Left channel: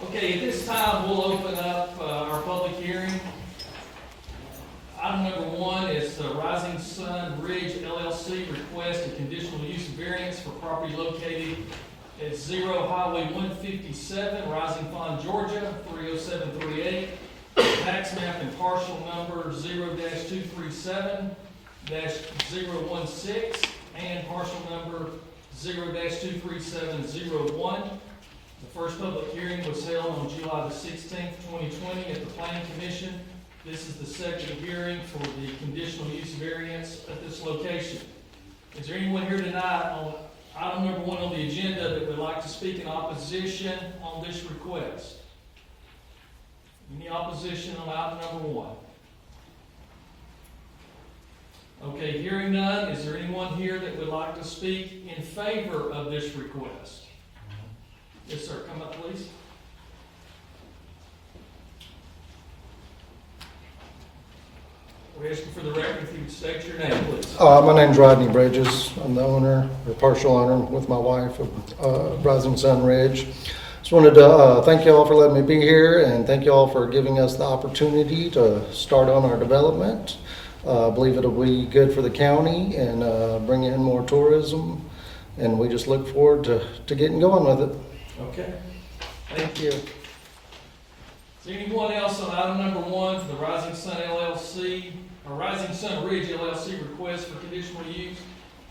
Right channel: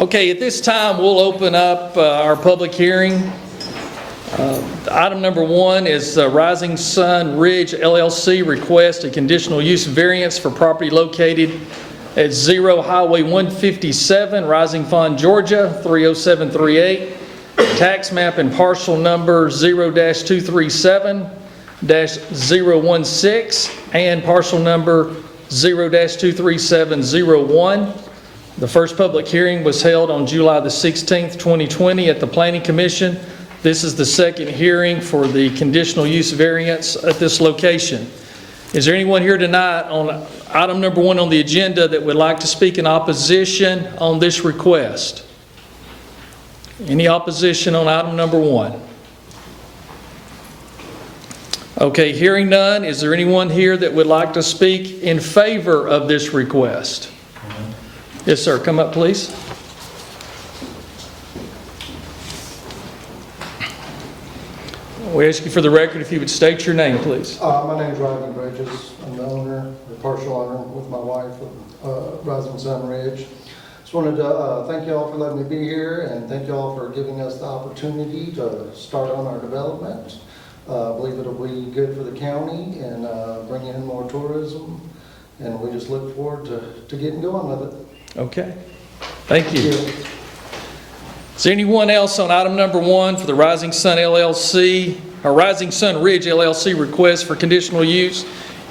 Okay, at this time, we'll open up our public hearing. Item number one is Rising Sun Ridge LLC request a conditional use variance for property located at 0 Highway 157, Rising Fawn, Georgia, 30738. Tax map and parcel number 0-237-016 and parcel number 0-23701. The first public hearing was held on July the 16th, 2020 at the Planning Commission. This is the second hearing for the conditional use variance at this location. Is there anyone here tonight on item number one on the agenda that would like to speak in opposition on this request? Any opposition on item number one? Okay, hearing none, is there anyone here that would like to speak in favor of this request? Yes, sir. Come up, please. We ask you for the record if you would state your name, please. My name's Rodney Bridges. I'm the owner, the partial owner with my wife of Rising Sun Ridge. Just wanted to thank you all for letting me be here and thank you all for giving us the opportunity to start on our development. I believe it'll be good for the county and bring in more tourism, and we just look forward to getting going with it. Okay. Thank you. Is there anyone else on item number one for the Rising Sun LLC, or Rising Sun Ridge LLC request for conditional use?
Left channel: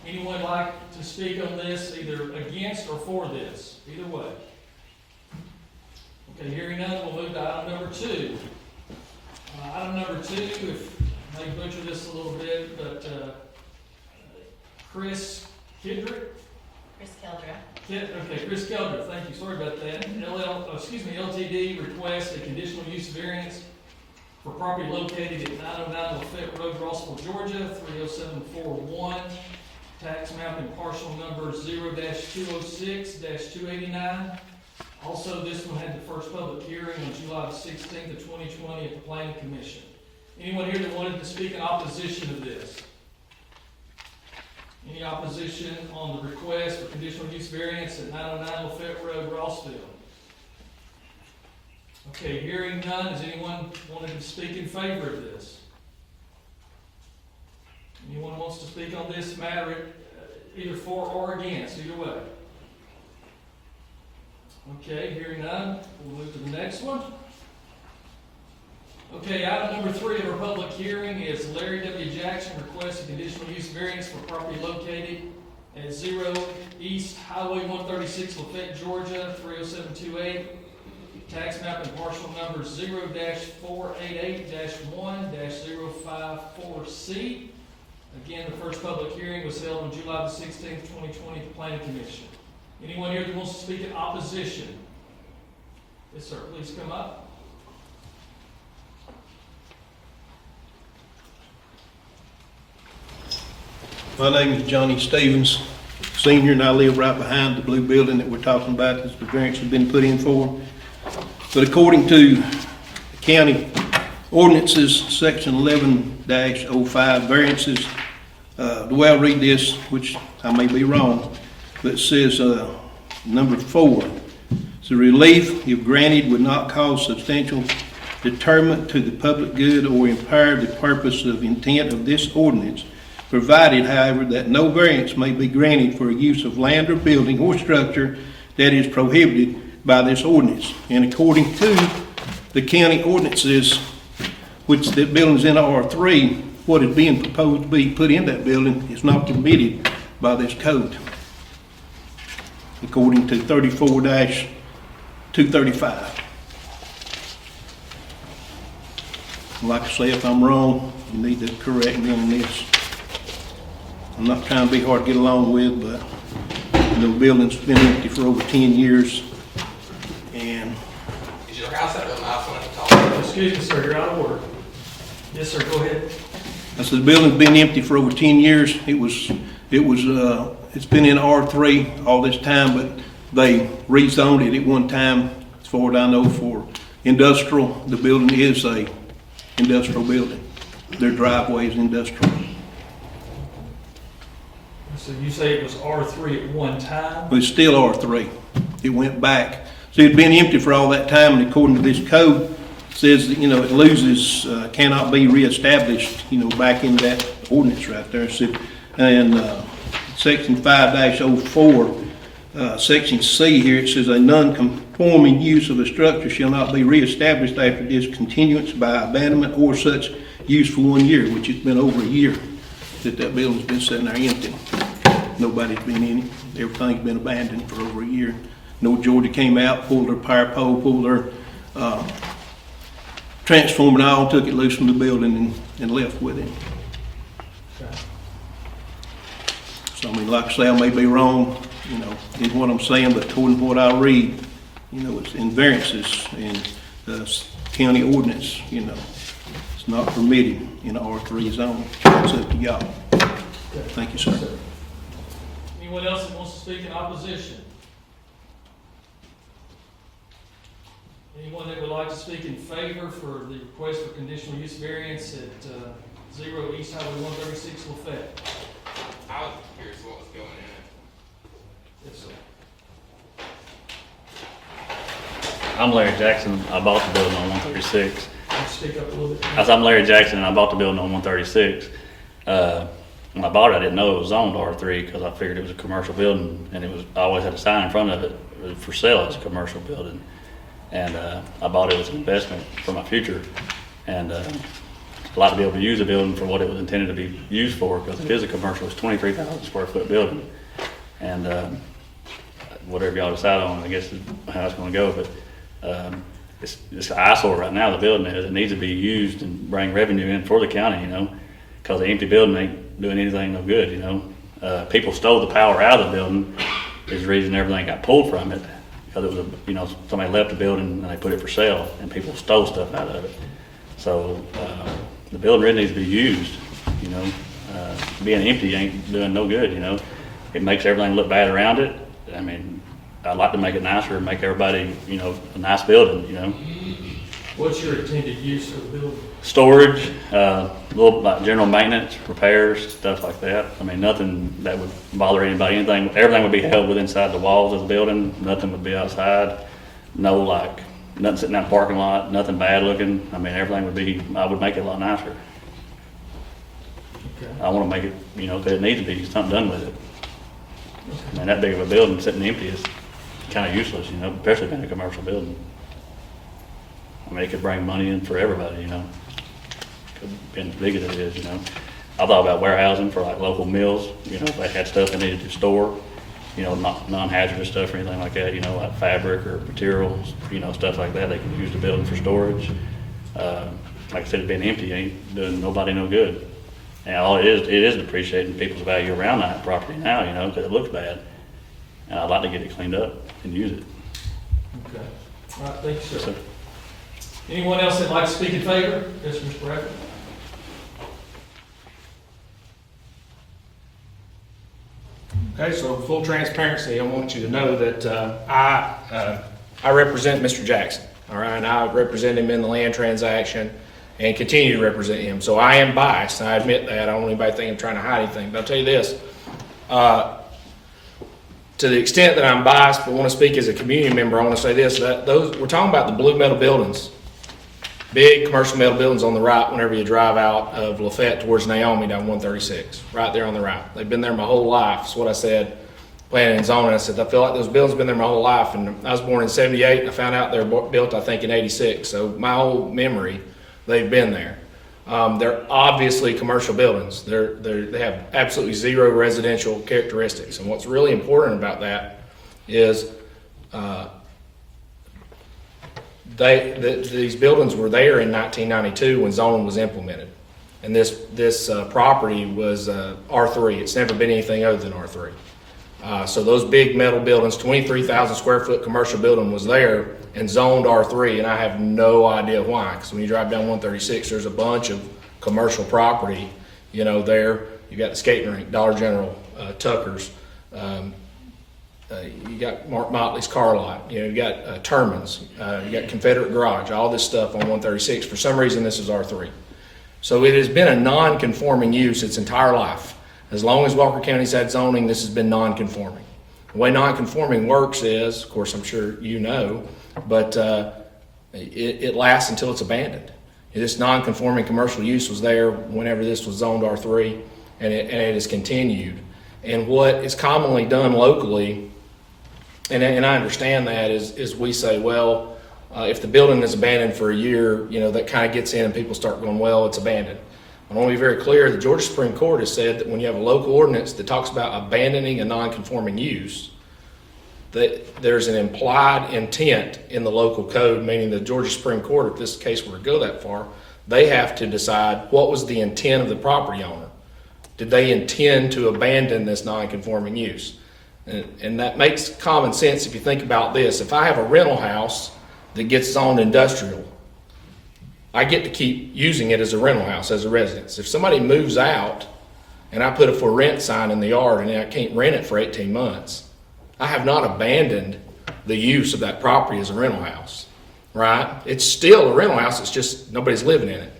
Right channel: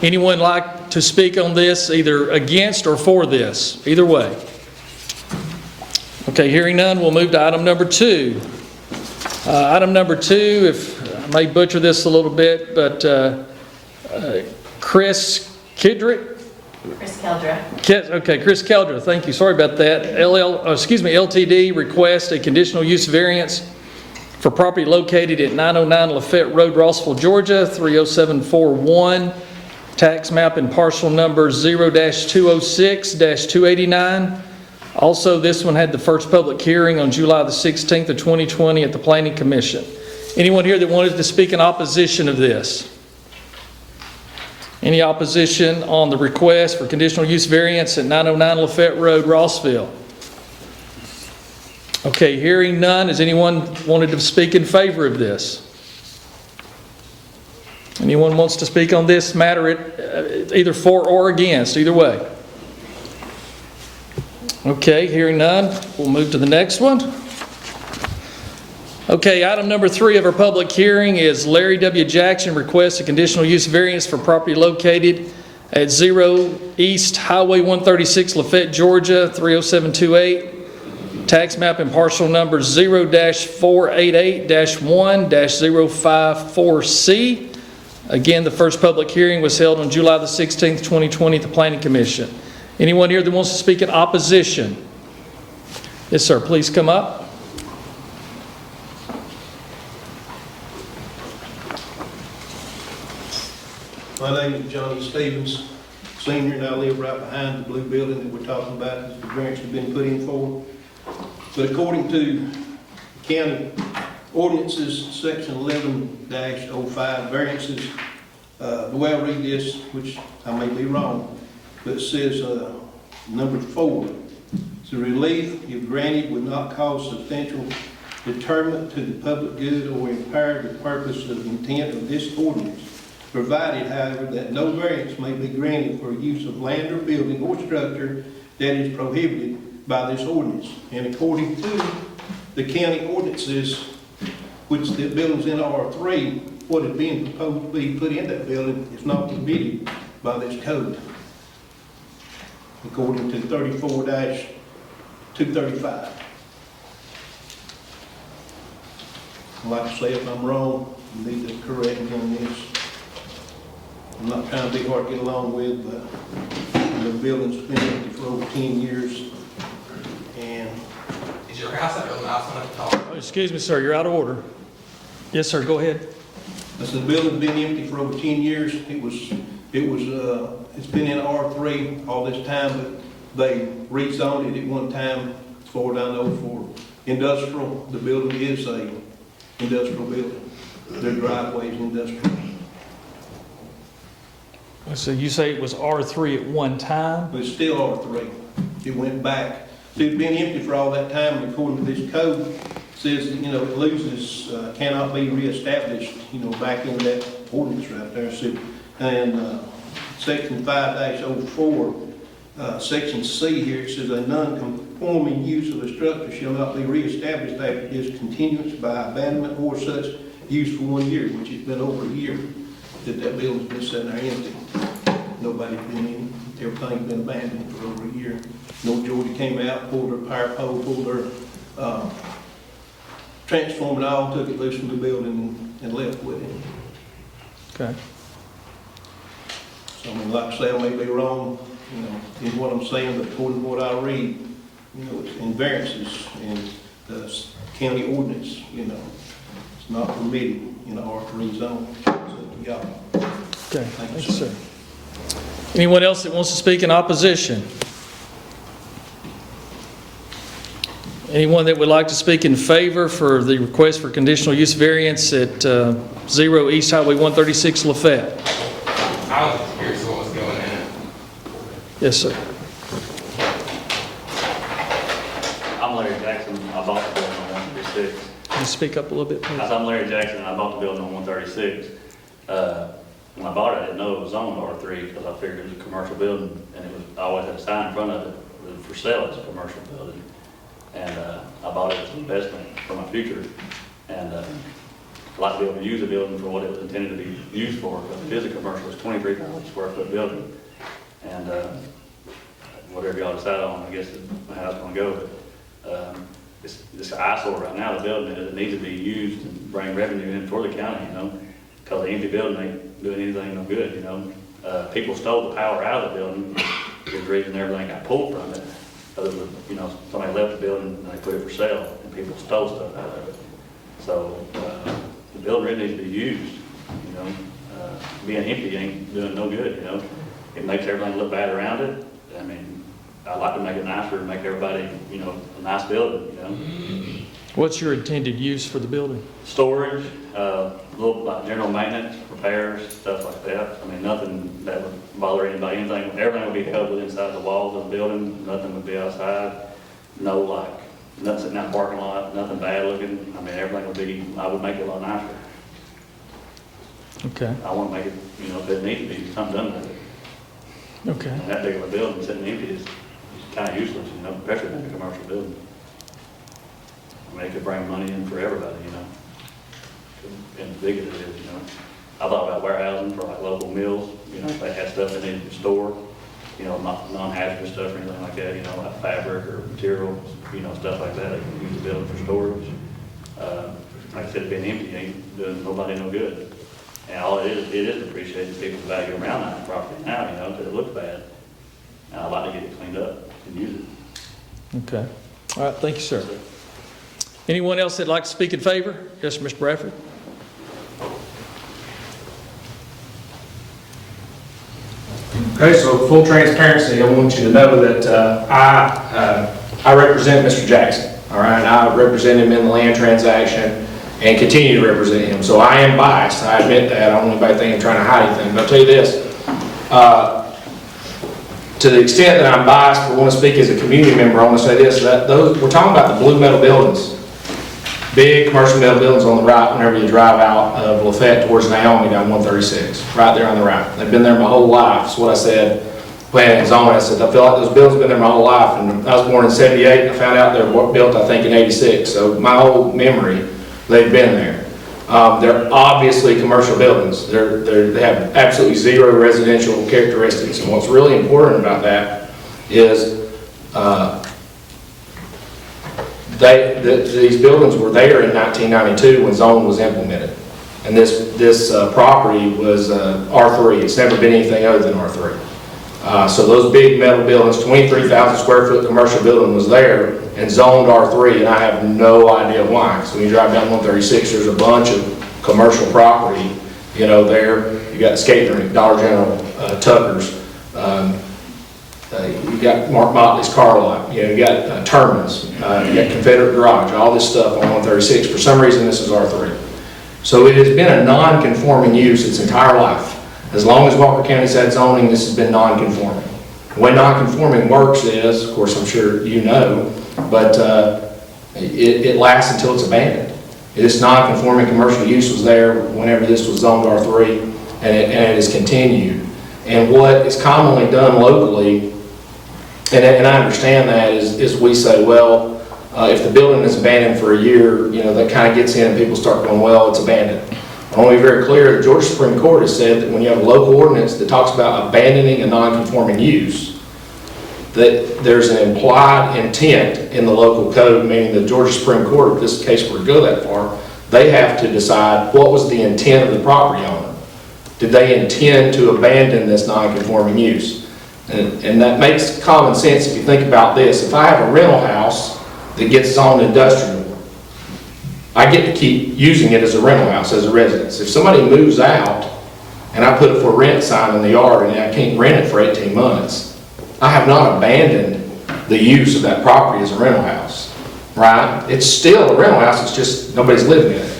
Anyone like to speak on this, either against or for this? Either way. Okay, hearing none, we'll move to item number two. Item number two, if I may butcher this a little bit, but Chris Keldra. Okay, Chris Keldra, thank you. Sorry about that. LTD request a conditional use variance for property located at 909 Lafette Road, Rossville, Georgia, 30741. Tax map and parcel number 0-206-289. Also, this one had the first public hearing on July the 16th of 2020 at the Planning Commission. Anyone here that wanted to speak in opposition of this? Any opposition on the request for conditional use variance at 909 Lafette Road, Rossville? Okay, hearing none, has anyone wanted to speak in favor of this? Anyone wants to speak on this matter, either for or against, either way? Okay, hearing none, we'll move to the next one. Okay, item number three of our public hearing is Larry W. Jackson requests a conditional use variance for property located at 0 East Highway 136, Lafette, Georgia, 30728. Tax map and parcel number 0-488-1-054C. Again, the first public hearing was held on July the 16th, 2020 at the Planning Commission. Anyone here that wants to speak in opposition? Yes, sir, please come up. My name is Johnny Stevens, Senior, and I live right behind the blue building that we're talking about that the variance has been put in for. But according to county ordinances, section 11-05, variances, the way I read this, which I may be wrong, but it says number 4, the relief, if granted, would not cause substantial detriment to the public good or impair the purpose of intent of this ordinance, provided, however, that no variance may be granted for use of land or building or structure that is prohibited by this ordinance. And according to the county ordinances, which the building's in R3, what is being proposed to be put in that building is not permitted by this code, according to 34-235. Like I say, if I'm wrong, you need to correct me on this. I'm not trying to be hard to get along with, but the building's been empty for over 10 years. And is your house at the mouth when it's all? Excuse me, sir, you're out of order. Yes, sir, go ahead. I said the building's been empty for over 10 years. It's been in R3 all this time, but they rezoned it at one time, as far as I know, for industrial. The building is a industrial building. Their driveway is industrial. So you say it was R3 at one time? It's still R3. It went back. So it'd been empty for all that time, and according to this code, says that, it loses, cannot be reestablished, back into that ordinance right there. So, and section 5-04, section C here, it says a non-conforming use of a structure shall not be reestablished after discontinuance by abandonment or such use for 1 year, which has been over a year that building's been sitting there empty. Nobody's been in it. Everything's been abandoned for over a year. Georgia came out, pulled their power pole, pulled their transformer and all, took it loose from the building and left with it. Okay. So, like I say, I may be wrong, in what I'm saying, but according to what I read, it's in variances and the county ordinance, it's not permitted in the R3 zone. It's up to y'all. Okay. Thank you, Yes, sir. Anyone else that wants to speak in opposition? Anyone that would like to speak in favor for the request for conditional use variance at 0 East Highway 136 Lafette? I was just curious what was going in. Yes, sir. I'm Larry Jackson. I bought the building on 136. Can you speak up a little bit? I'm Larry Jackson, and I bought the building on 136. When I bought it, I didn't know it was zoned R3 because I figured it was a commercial building, and I always had a sign in front of it for sale as a commercial building. And I bought it as an investment for my future, and I'd like to be able to use the building for what it was intended to be used for, because it is a commercial. It's 23,000 square foot building, and whatever y'all decide on, I guess is how it's going to go. But it's an eyesore right now. The building is. It needs to be used and bring revenue in for the county, because the empty building ain't doing anything no good. People stole the power out of the building. Is the reason everything got pulled from it. Because it was somebody left the building and they put it for sale, and people stole stuff out of it. So the building really needs to be used. Being empty ain't doing no good. It makes everything look bad around it. I mean, I'd like to make it nicer and make everybody, a nice building. What's your intended use for the building? Storage, little like general maintenance, repairs, stuff like that. I mean, nothing that would bother anybody, everything would be held within inside the walls of the building. Nothing would be outside. Nothing sitting out in the parking lot, nothing bad looking. I mean, everything would be, I would make it a lot nicer. Okay. I want to make it, if it needs to be, something done with it. Okay. I mean, that big of a building sitting empty is kind of useless, especially in a commercial building. I mean, it could bring money in for everybody, being as big as it is, I thought about warehousing for like local mills, if they had stuff they needed to store, not non-hazardous stuff or anything like that, like fabric or materials, stuff like that. They can use the building for storage. Like I said, being empty ain't doing nobody no good. And all it is depreciating people's value around that property now, because it looks bad. And I'd like to get it cleaned up and use it. Okay. All right, thank you, sir. Anyone else that'd like to speak in favor? Yes, Mr. Bradford. Okay, so full transparency, I want you to know that I represent Mr. Jackson, all right? I represent him in the land transaction and continue to represent him. So I am biased, I admit that. I don't want anybody thinking I'm trying to hide anything, but I'll tell you this. To the extent that I'm biased, but want to speak as a community member, I want to say this, that we're talking about the blue metal buildings. Big commercial metal buildings on the right whenever you drive out of Lafette towards Naomi down 136, right there on the right. They've been there my whole life. That's what I said, planning and zoning. I said, I feel like those buildings have been there my whole life. And I was born in 78 and I found out they were built, I think, in 86. So my whole memory, they've been there. They're obviously commercial buildings. They have absolutely zero residential characteristics. And what's really important about that is these buildings were there in 1992 when zoning was implemented. And this property was R3. It's never been anything other than R3. So those big metal buildings, 23,000 square foot commercial building was there and zoned R3, and I have no idea why. So when you drive down 136, there's a bunch of commercial property, there. You got the skating rink, Dollar General, Tucker's. You got Mark Motley's car lot, you got Terminus, you got Confederate Garage, all this stuff on 136. For some reason, this is R3. So it has been a non-conforming use its entire life. As long as Walker County's had zoning, this has been non-conforming. The way non-conforming works is, of course, I'm sure you know, but it lasts until it's abandoned. This non-conforming commercial use was there whenever this was zoned R3, and it has continued. And what is commonly done locally, and I understand that, is we say, well, if the building is abandoned for a year, that kind of gets in and people start going, well, it's abandoned. I want to be very clear, the Georgia Supreme Court has said that when you have a local ordinance that talks about abandoning a non-conforming use, that there's an implied intent in the local code, meaning the Georgia Supreme Court, if this case were to go that far, they have to decide what was the intent of the property owner. Did they intend to abandon this non-conforming use? And that makes common sense if you think about this. If I have a rental house that gets zoned industrial, I get to keep using it as a rental house, as a residence. If somebody moves out and I put a for rent sign in the yard and I can't rent it for 18 months, I have not abandoned the use of that property as a rental house, right? It's still a rental house, it's just nobody's living in it.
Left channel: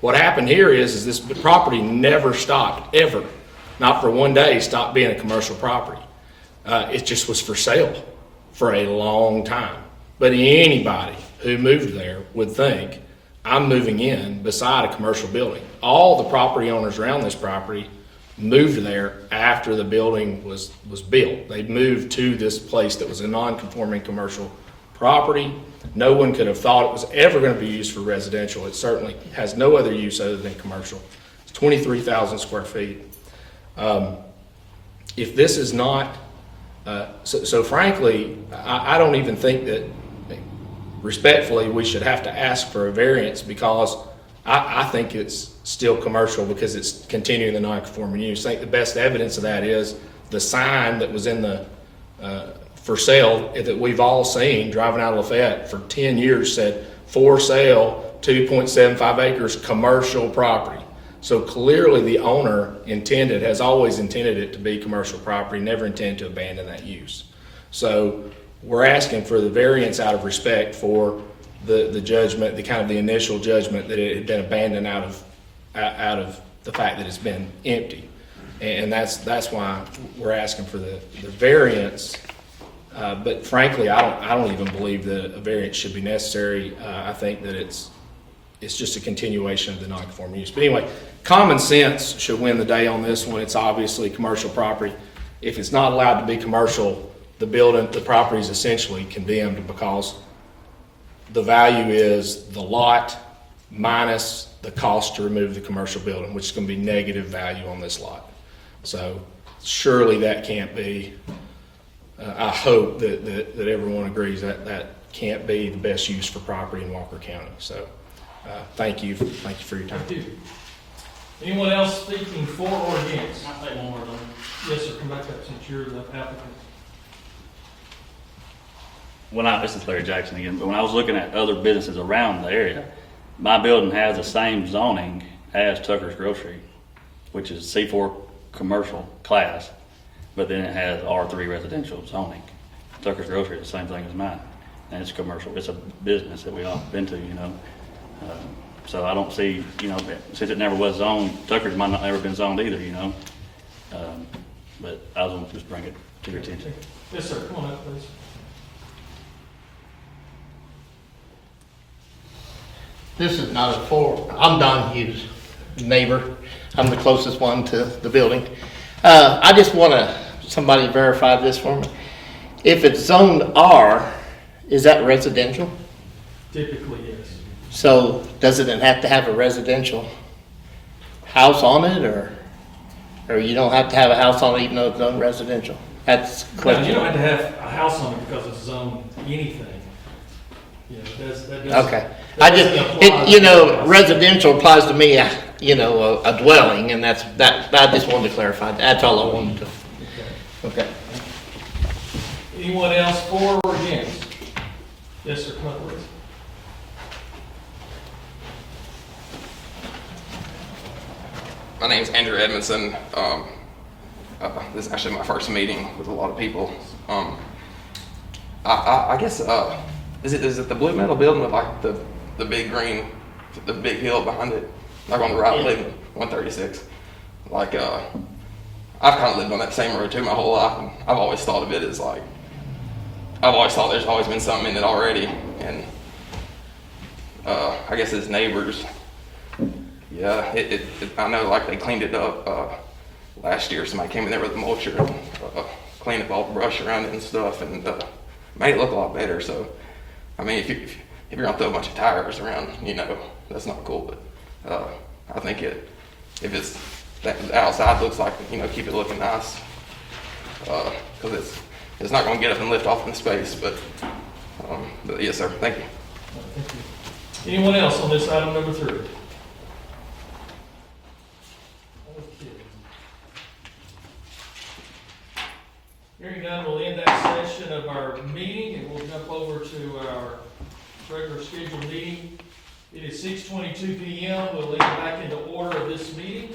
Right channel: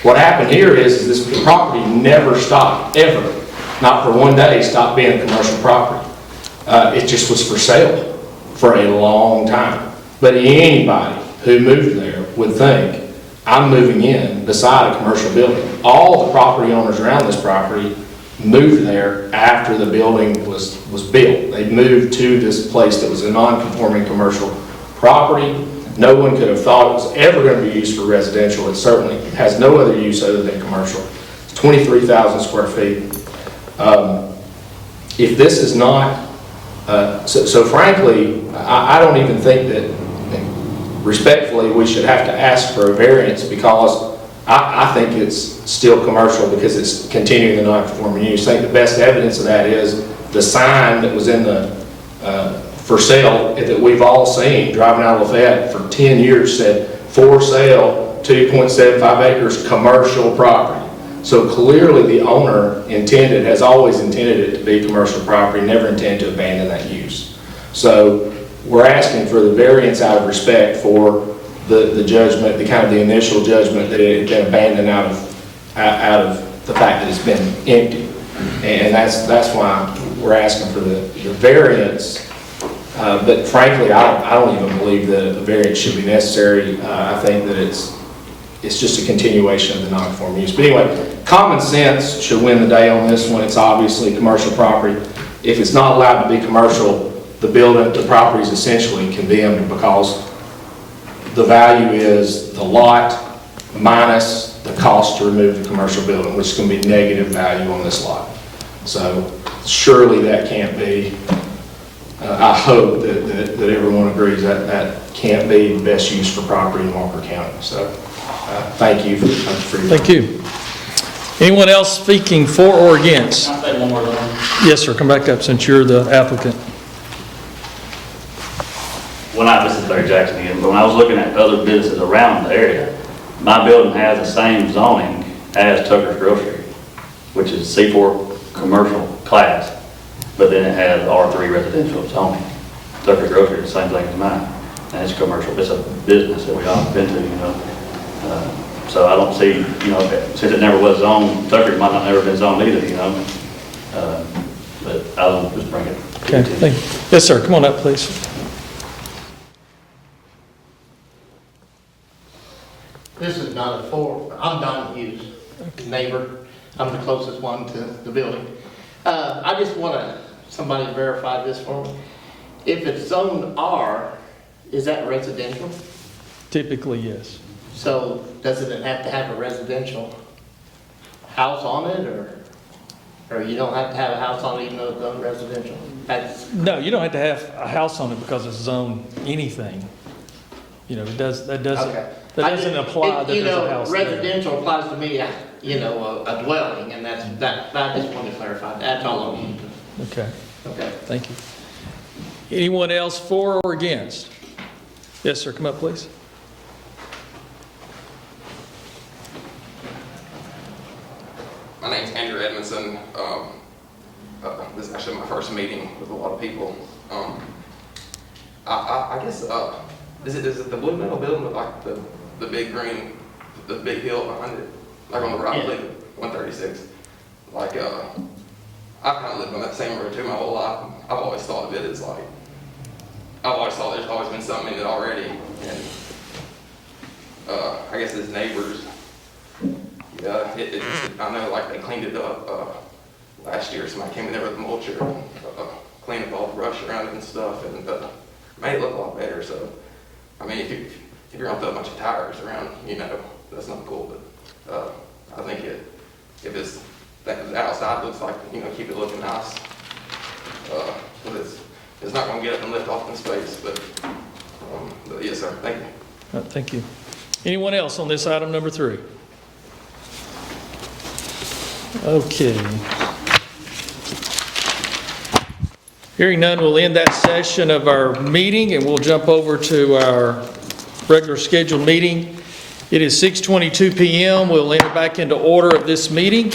What happened here is this property never stopped, ever, not for one day, stopped being a commercial property. It just was for sale for a long time. But anybody who moved there would think, I'm moving in beside a commercial building. All the property owners around this property moved there after the building was built. They moved to this place that was a non-conforming commercial property. No one could have thought it was ever going to be used for residential. It certainly has no other use other than commercial. It's 23,000 square feet. If this is not, so frankly, I don't even think that, respectfully, we should have to ask for a variance, because I think it's still commercial because it's continuing the non-conforming use. I think the best evidence of that is the sign that was in the for sale that we've all seen driving out of Fete for 10 years said, for sale, 2.75 acres, commercial property. So clearly the owner has always intended it to be commercial property, never intended to abandon that use. So we're asking for the variance out of respect for the judgment, the initial judgment that it had been abandoned out of the fact that it's been empty. And that's why we're asking for the variance. But frankly, I don't even believe that a variance should be necessary. I think that it's just a continuation of the non-conforming use. But anyway, common sense should win the day on this one. It's obviously commercial property. If it's not allowed to be commercial, the property is essentially condemned, because the value is the lot minus the cost to remove the commercial building, which is going to be negative value on this lot. So surely that can't be, I hope that everyone agrees that can't be the best use for property in Walker County. So thank you for your Thank you. Anyone else speaking for or against? Can I say one more thing? Yes, sir, come back up since you're the applicant. This is Larry Jackson again, but when I was looking at other businesses around the area, my building has the same zoning as Tucker's Grocery, which is C4 commercial class, but then it has R3 residential zoning. Tucker's Grocery is the same thing as mine, and it's commercial. It's a business that we all been to, So I don't see, since it never was zoned, Tucker's might not never been zoned either, but I'll just bring it. Okay, thank you. Yes, sir, come on up, please. This is not I'm Don Hughes, neighbor. I'm the closest one to the building. I just want somebody to verify this for me. If it's zoned R, is that residential? Typically, yes. So doesn't it have to have a residential house on it, or you don't have to have a house on it even though it's zoned residential? That's No, you don't have to have a house on it because it's zoned anything. That doesn't. Okay. That doesn't apply to the house. Residential applies to me, a dwelling, and that's that. I just wanted to clarify. That's all I wanted to. Okay, Okay. thank you. Anyone else for or against? Yes, sir, come up, please. My name's Andrew Edmondson. This is actually my first meeting with a lot of people. I guess, is it the blue metal building with like the big green, the big hill behind it? Like on the right, I believe, 136. Like, I've kind of lived on that same road too my whole life, and I've always thought of it as like, I've always thought there's always been something in it already, and I guess as neighbors, yeah, I know like they cleaned it up last year. Somebody came in there with a mulcher, cleaned up all the brush around it and stuff, and made it look a lot better. So, I mean, if you're gonna throw a bunch of tires around, you know, that's not cool. But I think if it's the outside looks like, you know, keep it looking nice, because it's not gonna get up and lift off in space. But yes, sir. Thank you. Thank you. Anyone else on this item number 3? Okay. Hearing none, we'll end that session of our meeting, and we'll jump over to our regular scheduled meeting. It is 6:22 p.m. We'll enter back into order of this meeting.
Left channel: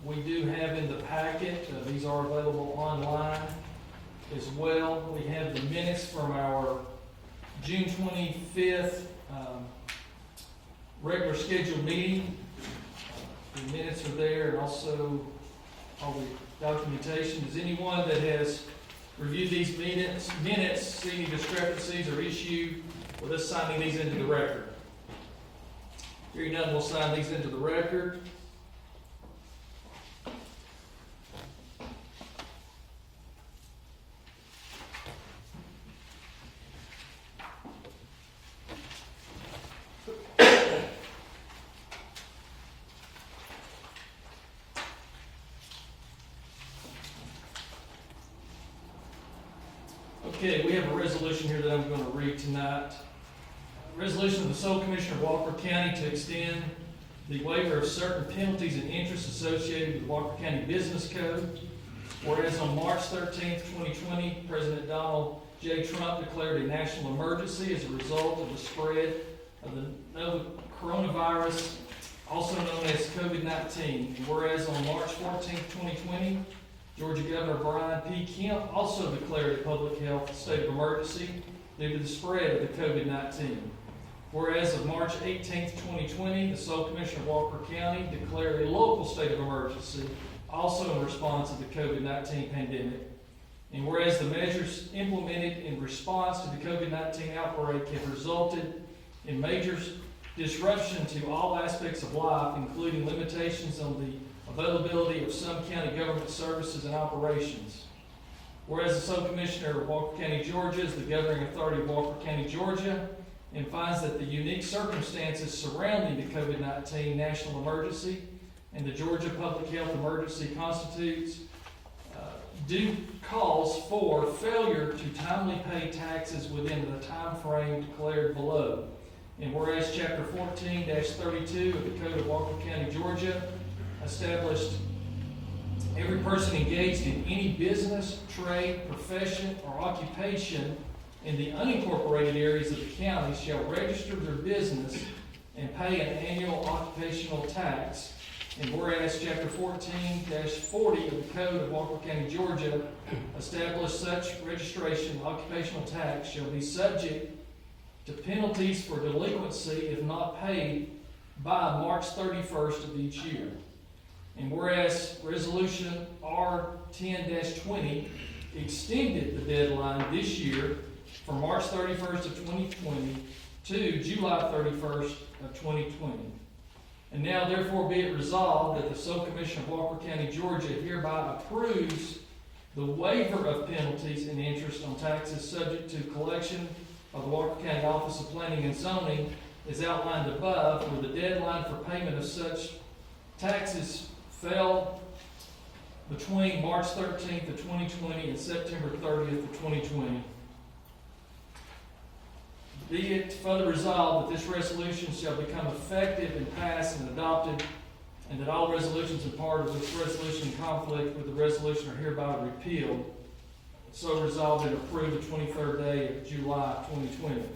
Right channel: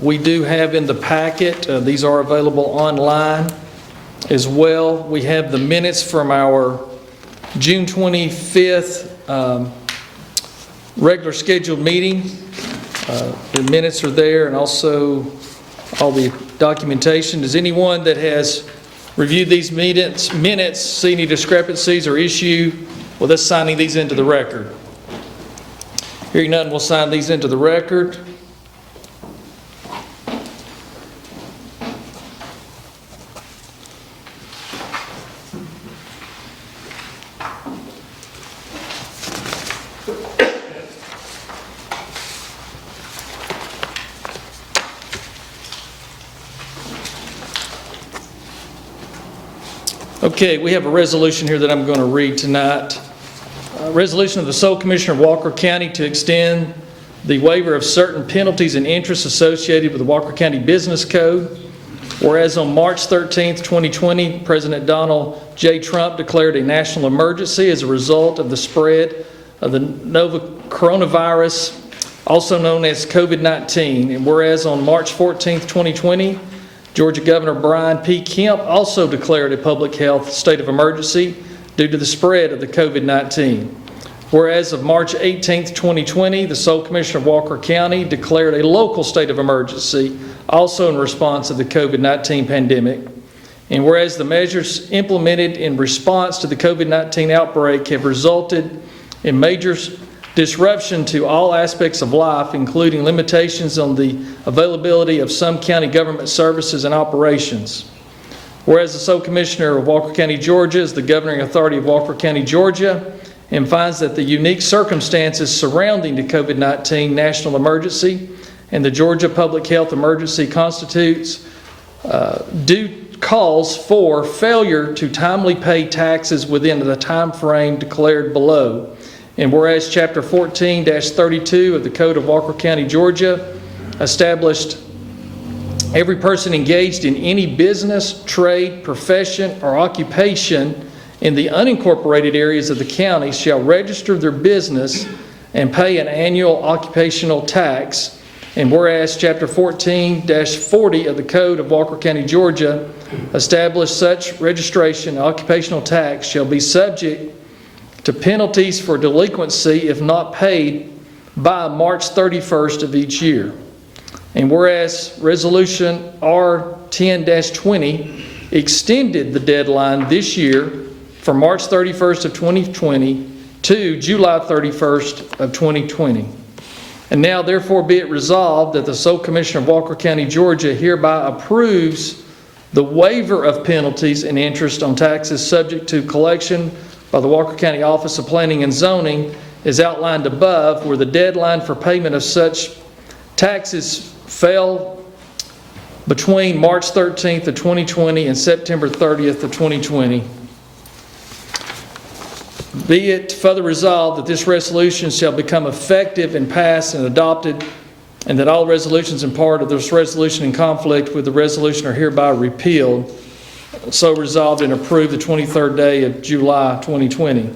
We do have in the packet, these are available online as well. We have the minutes from our June 25th regular scheduled meeting. The minutes are there, and also all the documentation. Does anyone that has reviewed these minutes see any discrepancies or issue with us signing these into the record? Hearing none, we'll sign these into the record. Okay, we have a resolution here that I'm going to read tonight. A resolution of the sole commissioner of Walker County to extend the waiver of certain penalties and interests associated with the Walker County Business Code. Whereas on March 13th, 2020, President Donald J. Trump declared a national emergency as a result of the spread of the novel coronavirus, also known as COVID-19. And whereas on March 14th, 2020, Georgia Governor Brian P. Kemp also declared a public health state of emergency due to the spread of the COVID-19. Whereas of March 18, 2020, the sole commissioner of Walker County declared a local state of emergency also in response to the COVID-19 pandemic. And whereas the measures implemented in response to the COVID-19 outbreak have resulted in major disruption to all aspects of life, including limitations on the availability of some county government services and operations. Whereas the sole commissioner of Walker County, Georgia is the governing authority of Walker County, Georgia, and finds that the unique circumstances surrounding the COVID-19 national emergency and the Georgia public health emergency constitutes due cause for failure to timely pay taxes within the time frame declared below. And whereas Chapter 14-32 of the Code of Walker County, Georgia established every person engaged in any business, trade, profession, or occupation in the unincorporated areas of the county shall register their business and pay an annual occupational tax. And whereas Chapter 14-40 of the Code of Walker County, Georgia established such registration and occupational tax shall be subject to penalties for delinquency if not paid by March 31st of each year. And whereas Resolution R10-20 extended the deadline this year from March 31st of 2020 to July 31st of 2020. And now therefore be it resolved that the sole commissioner of Walker County, Georgia hereby approves the waiver of penalties and interest on taxes subject to collection by the Walker County Office of Planning and Zoning is outlined above, where the deadline for payment of such taxes fell between March 13th of 2020 and September 30th of 2020. Be it further resolved that this resolution shall become effective and passed and adopted, and that all resolutions and part of this resolution in conflict with the resolution are hereby repealed. So resolved and approved the 23rd day of July 2020.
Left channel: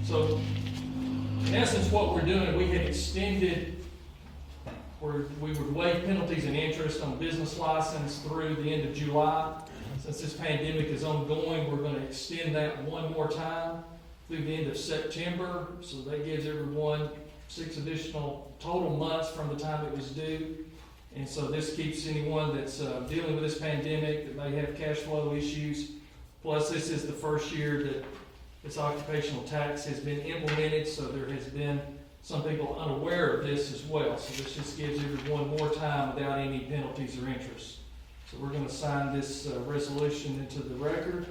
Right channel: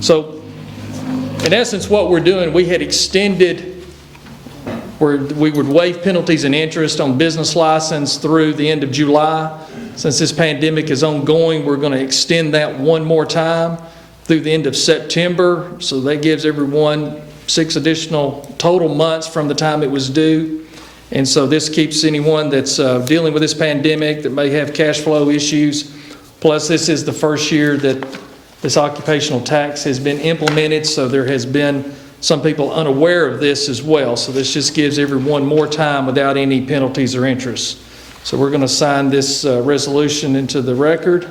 So in essence what we're doing, we had extended where we would waive penalties and interest on business license through the end of July. Since this pandemic is ongoing, we're going to extend that one more time through the end of September. So that gives everyone 6 additional total months from the time it was due. And so this keeps anyone that's dealing with this pandemic that may have cash flow issues. Plus, this is the first year that this occupational tax has been implemented, so there has been some people unaware of this as well. So this just gives everyone more time without any penalties or interest. So we're going to sign this resolution into the record.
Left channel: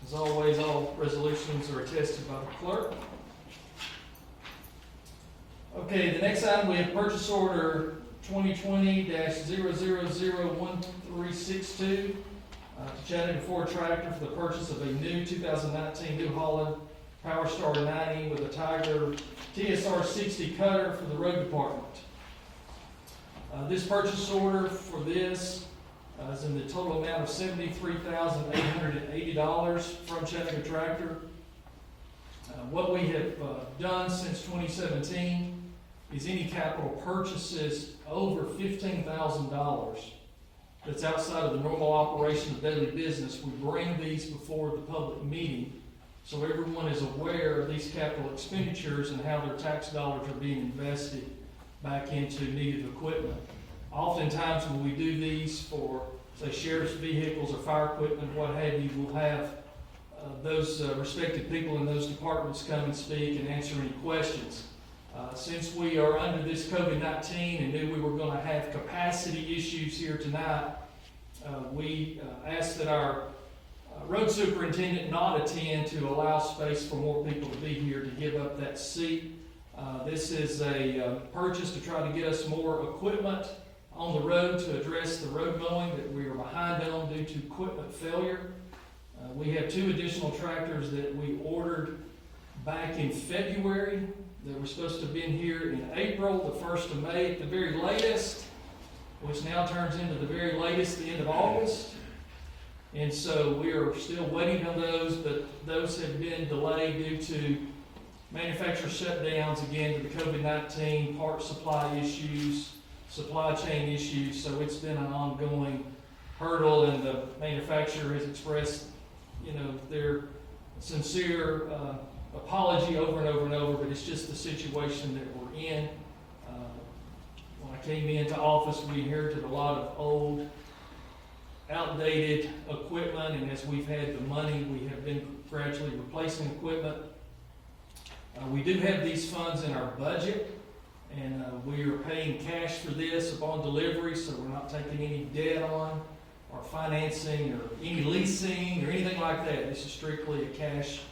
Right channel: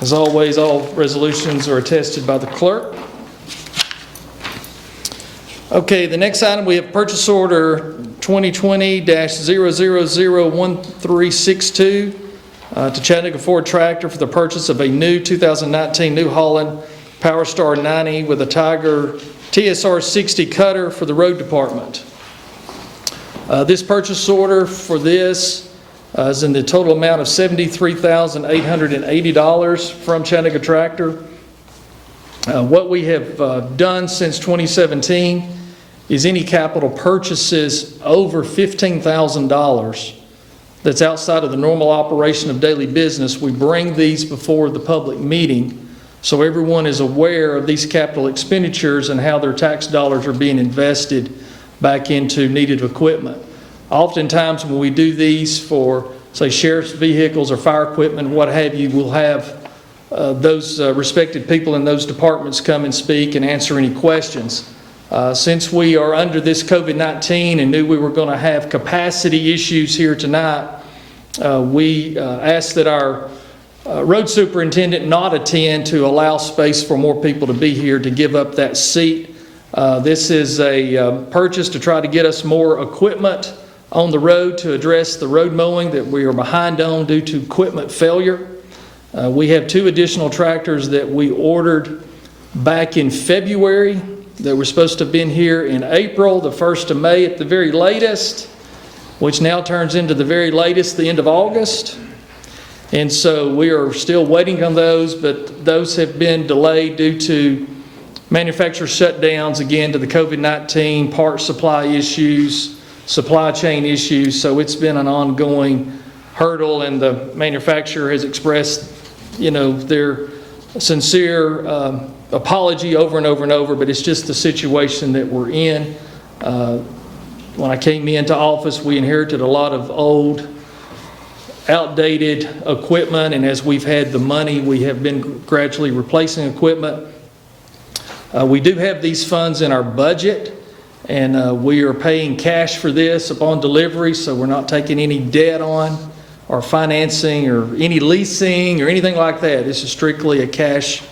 As always, all resolutions are attested by the clerk. Okay, the next item, we have purchase order 2020-0001362 to Chattanooga Ford Tractor for the purchase of a new 2019 New Holland PowerStar 90 with a Tiger TSR 60 cutter for the road department. This purchase order for this is in the total amount of $73,880 from Chattanooga Tractor. What we have done since 2017 is any capital purchases over $15,000 that's outside of the normal operation of daily business, we bring these before the public meeting so everyone is aware of these capital expenditures and how their tax dollars are being invested back into needed equipment. Oftentimes when we do these for, say, sheriff's vehicles or fire equipment, what have you, we'll have those respected people in those departments come and speak and answer any questions. Since we are under this COVID-19 and knew we were going to have capacity issues here tonight, we asked that our road superintendent not attend to allow space for more people to be here to give up that seat. This is a purchase to try to get us more equipment on the road to address the road mowing that we are behind on due to equipment failure. We have 2 additional tractors that we ordered back in February that were supposed to have been here in April, the 1st of May at the very latest, which now turns into the very latest, the end of August. And so we are still waiting on those, but those have been delayed due to manufacturer shutdowns, again, to the COVID-19, part supply issues, supply chain issues. So it's been an ongoing hurdle, and the manufacturer has expressed, their sincere apology over and over and over, but it's just the situation that we're in. When I came into office, we inherited a lot of old, outdated equipment, and as we've had the money, we have been gradually replacing equipment. We do have these funds in our budget, and we are paying cash for this upon delivery, so we're not taking any debt on or financing or any leasing or anything like that. This is strictly a cash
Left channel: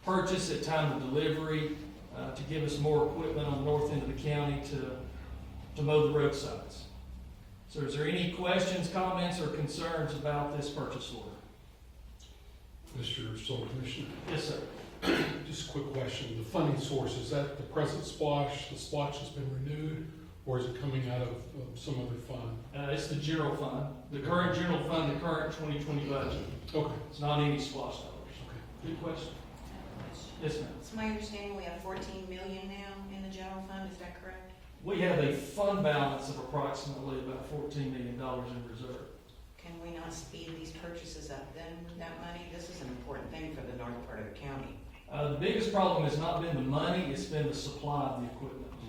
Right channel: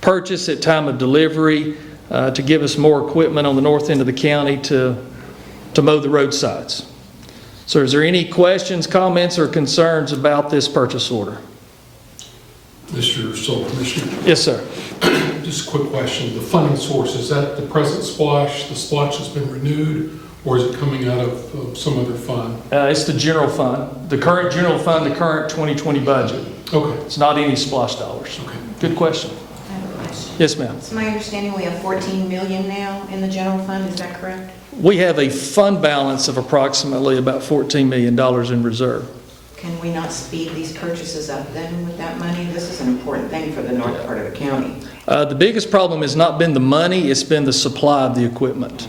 purchase at time of delivery to give us more equipment on the north end of the county to mow the roadsides. So is there any questions, comments, or concerns about this purchase order? Mr. Sole Commissioner, Yes, sir. just a quick question. The funding source, is that the present splash? The splash has been renewed, or is it coming out of some other fund? It's the general fund, the current general fund, the current 2020 budget. Okay. It's not any splash dollars. Okay. Good question. I have a question. Yes, ma'am. It's my understanding we have 14 million now in the general fund, is that correct? We have a fund balance of approximately about $14 million in reserve. Can we not speed these purchases up then with that money? This is an important thing for the north part of the county. The biggest problem has not been the money, it's been the supply of the equipment.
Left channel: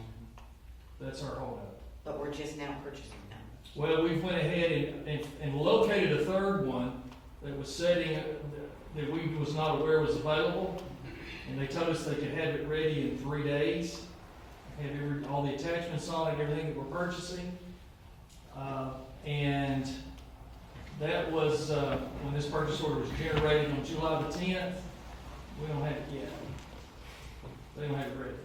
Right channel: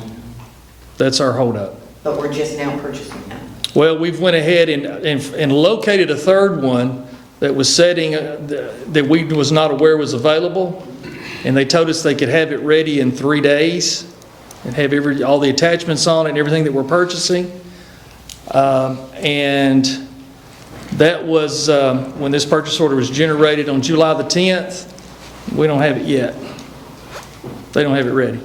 That's our holdup. But we're just now purchasing them. Well, we've went ahead and located a third one that was setting, that we was not aware was available, and they told us they could have it ready in 3 days and have all the attachments on it and everything that we're purchasing. And that was when this purchase order was generated on July the 10th. We don't have it yet. They don't have it ready.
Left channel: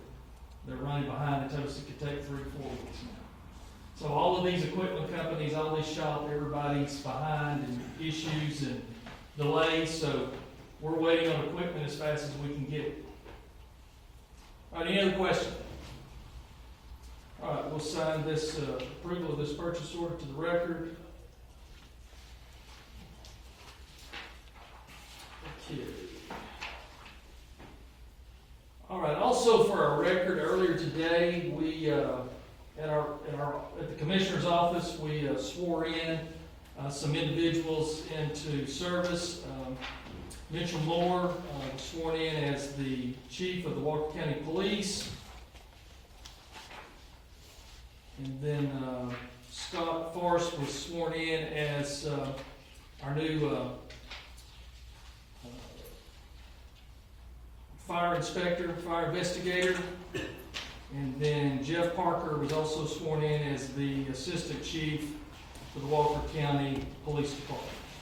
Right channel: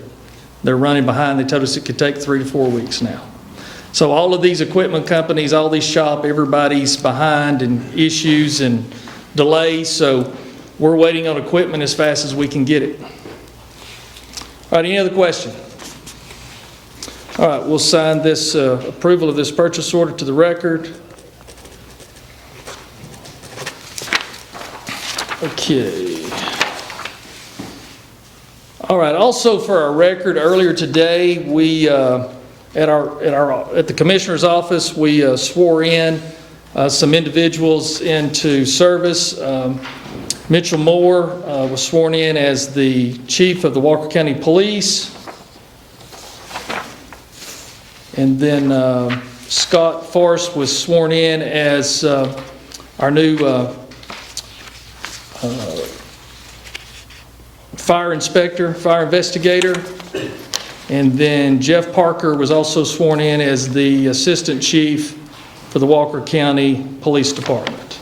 They're running behind. They told us it could take 3 to 4 weeks now. So all of these equipment companies, all these shop, everybody's behind in issues and delays. So we're waiting on equipment as fast as we can get it. All right, any other question? All right, we'll sign this approval of this purchase order to the record. Okay. All right, also for our record, earlier today, we, at the Commissioner's office, we swore in some individuals into service. Mitchell Moore was sworn in as the chief of the Walker County Police. And then Scott Forrest was sworn in as our new fire inspector, fire investigator. And then Jeff Parker was also sworn in as the assistant chief for the Walker County Police Department.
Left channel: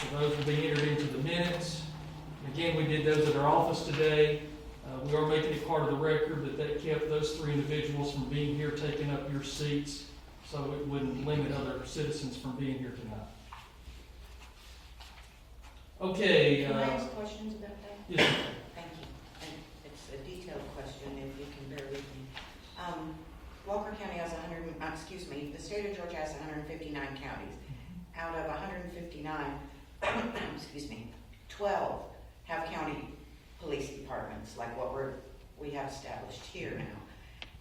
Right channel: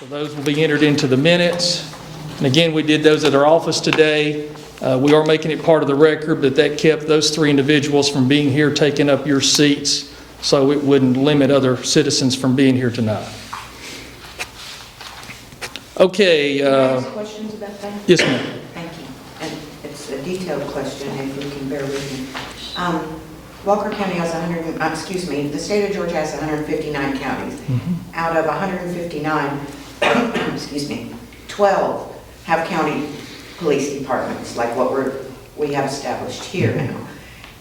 So those will be entered into the minutes. And again, we did those at our office today. We are making it part of the record, but that kept those 3 individuals from being here, taking up your seats, so it wouldn't limit other citizens from being here tonight. Okay. Can I ask questions about that? Yes, ma'am. Thank you. And it's a detailed question, if you can bear with me. Walker County has the state of Georgia has 159 counties. Out of 159, 12 have county police departments, like what we have established here now.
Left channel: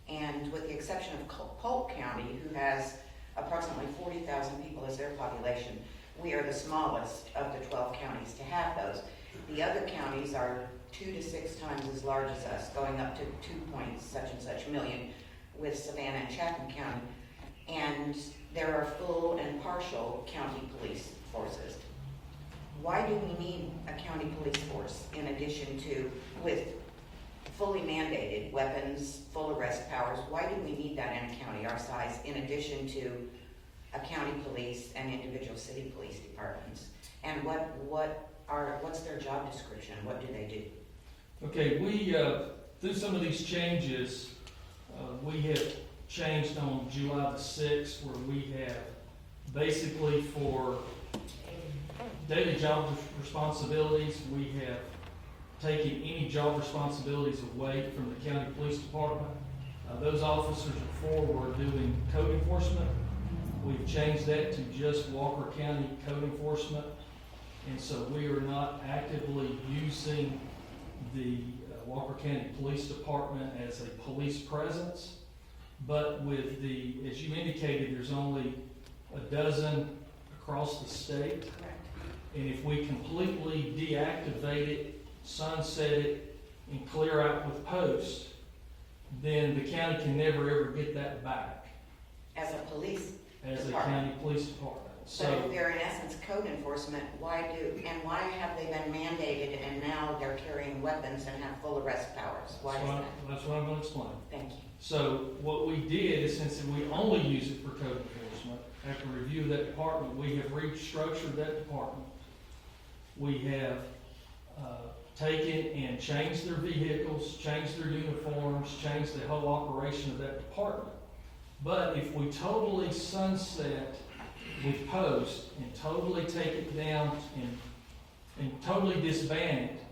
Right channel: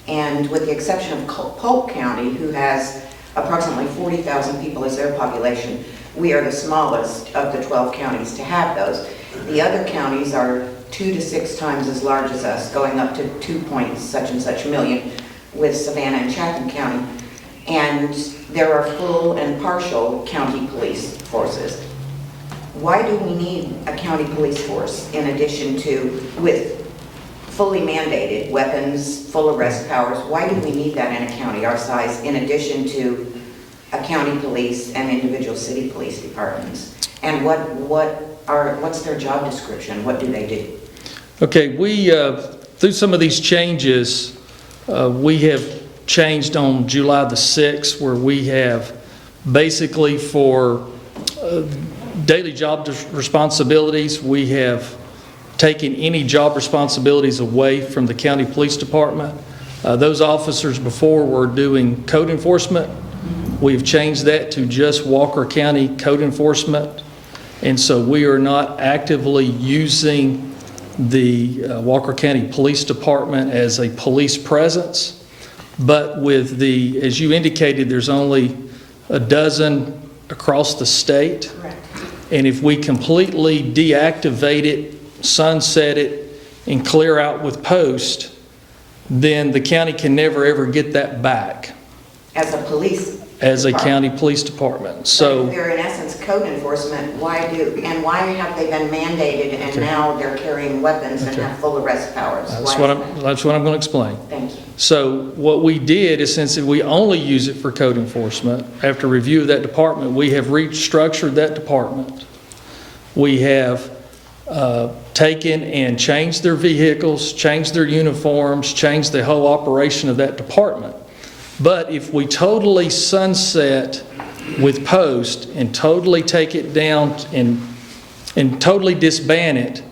And with the exception of Polk County, who has approximately 40,000 people as their population, we are the smallest of the 12 counties to have those. The other counties are 2 to 6 times as large as us, going up to 2 point such and such million with Savannah and Chatham County. And there are full and partial county police forces. Why do we need a county police force in addition to, with fully mandated weapons, full arrest powers? Why do we need that in a county our size in addition to a county police and individual city police departments? And what's their job description? What do they do? Okay, we, through some of these changes, we have changed on July the 6th, where we have basically for daily job responsibilities, we have taken any job responsibilities away from the county police department. Those officers before were doing code enforcement. We've changed that to just Walker County code enforcement. And so we are not actively using the Walker County Police Department as a police presence. But with the, as you indicated, there's only a dozen across the state. Correct. And if we completely deactivate it, sunset it, and clear out with post, then the county can never ever get that back As a police as a department. county police department. But So if they're in essence code enforcement, why have they been mandated and now they're carrying weapons and have full arrest powers? that's Why what is that? that's what I'm going to explain. Thank you. So what we did is, since we only use it for code enforcement, after review of that department, we have restructured that department. We have taken and changed their vehicles, changed their uniforms, changed the whole operation of that department. But if we totally sunset with post and totally take it down and totally disband it,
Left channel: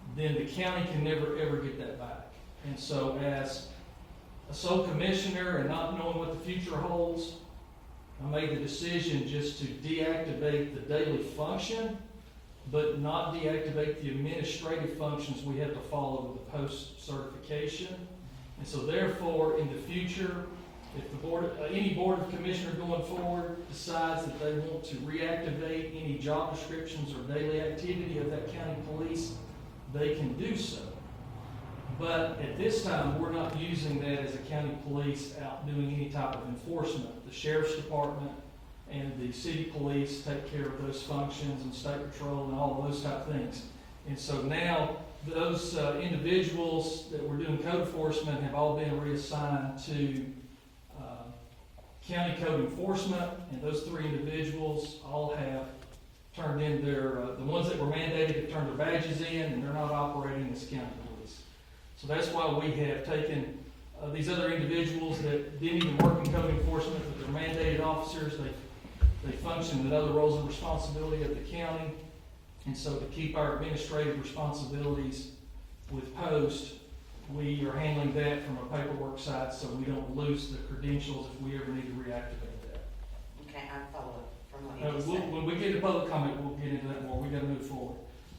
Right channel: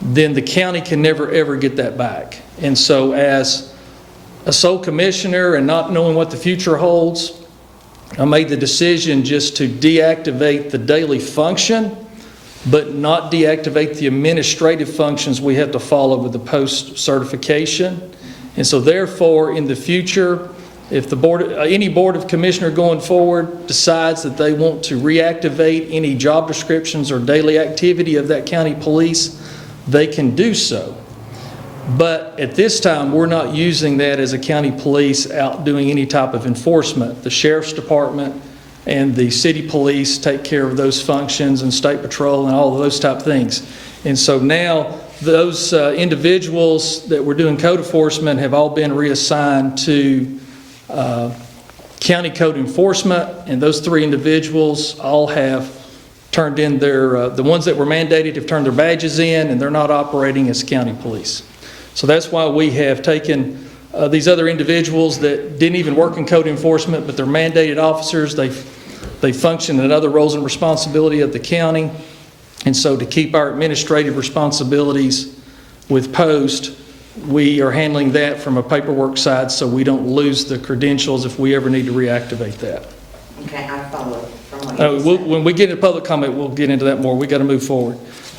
then the county can never ever get that back. And so as a sole commissioner and not knowing what the future holds, I made the decision just to deactivate the daily function, but not deactivate the administrative functions we have to follow with the post certification. And so therefore, in the future, if the board, any board of commissioner going forward decides that they want to reactivate any job descriptions or daily activity of that county police, they can do so. But at this time, we're not using that as a county police out doing any type of enforcement. The sheriff's department and the city police take care of those functions, and state patrol and all of those type things. And so now those individuals that were doing code enforcement have all been reassigned to county code enforcement, and those 3 individuals all have turned in their, the ones that were mandated have turned their badges in, and they're not operating as county police. So that's why we have taken these other individuals that didn't even work in code enforcement, but they're mandated officers. They function in other roles and responsibility of the county. And so to keep our administrative responsibilities with post, we are handling that from a paperwork side so we don't lose the credentials if we ever need to reactivate that. Okay, I follow from what you said. When we get into public comment, we'll get into that more. We got to move forward.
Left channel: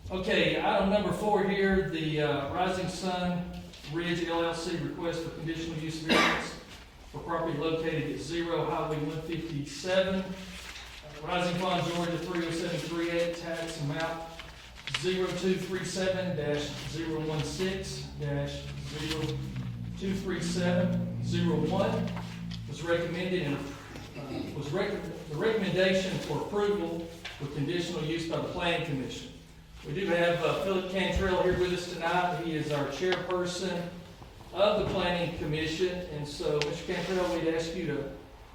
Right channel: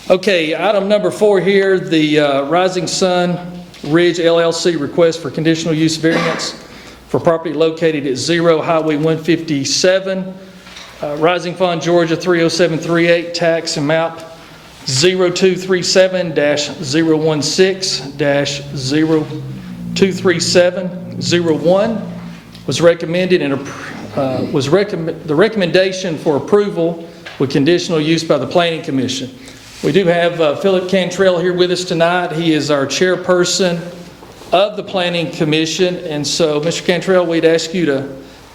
Okay, item number 4 here, the Rising Sun Ridge LLC request for conditional use variance for property located at 0 Highway 157. Rising Fund, Georgia 30738, tax and map 0237-016-023701 was recommended and the recommendation for approval with conditional use by the Planning Commission. We do have Philip Cantrell here with us tonight. He is our chairperson of the Planning Commission, and so, Mr. Cantrell, we'd ask you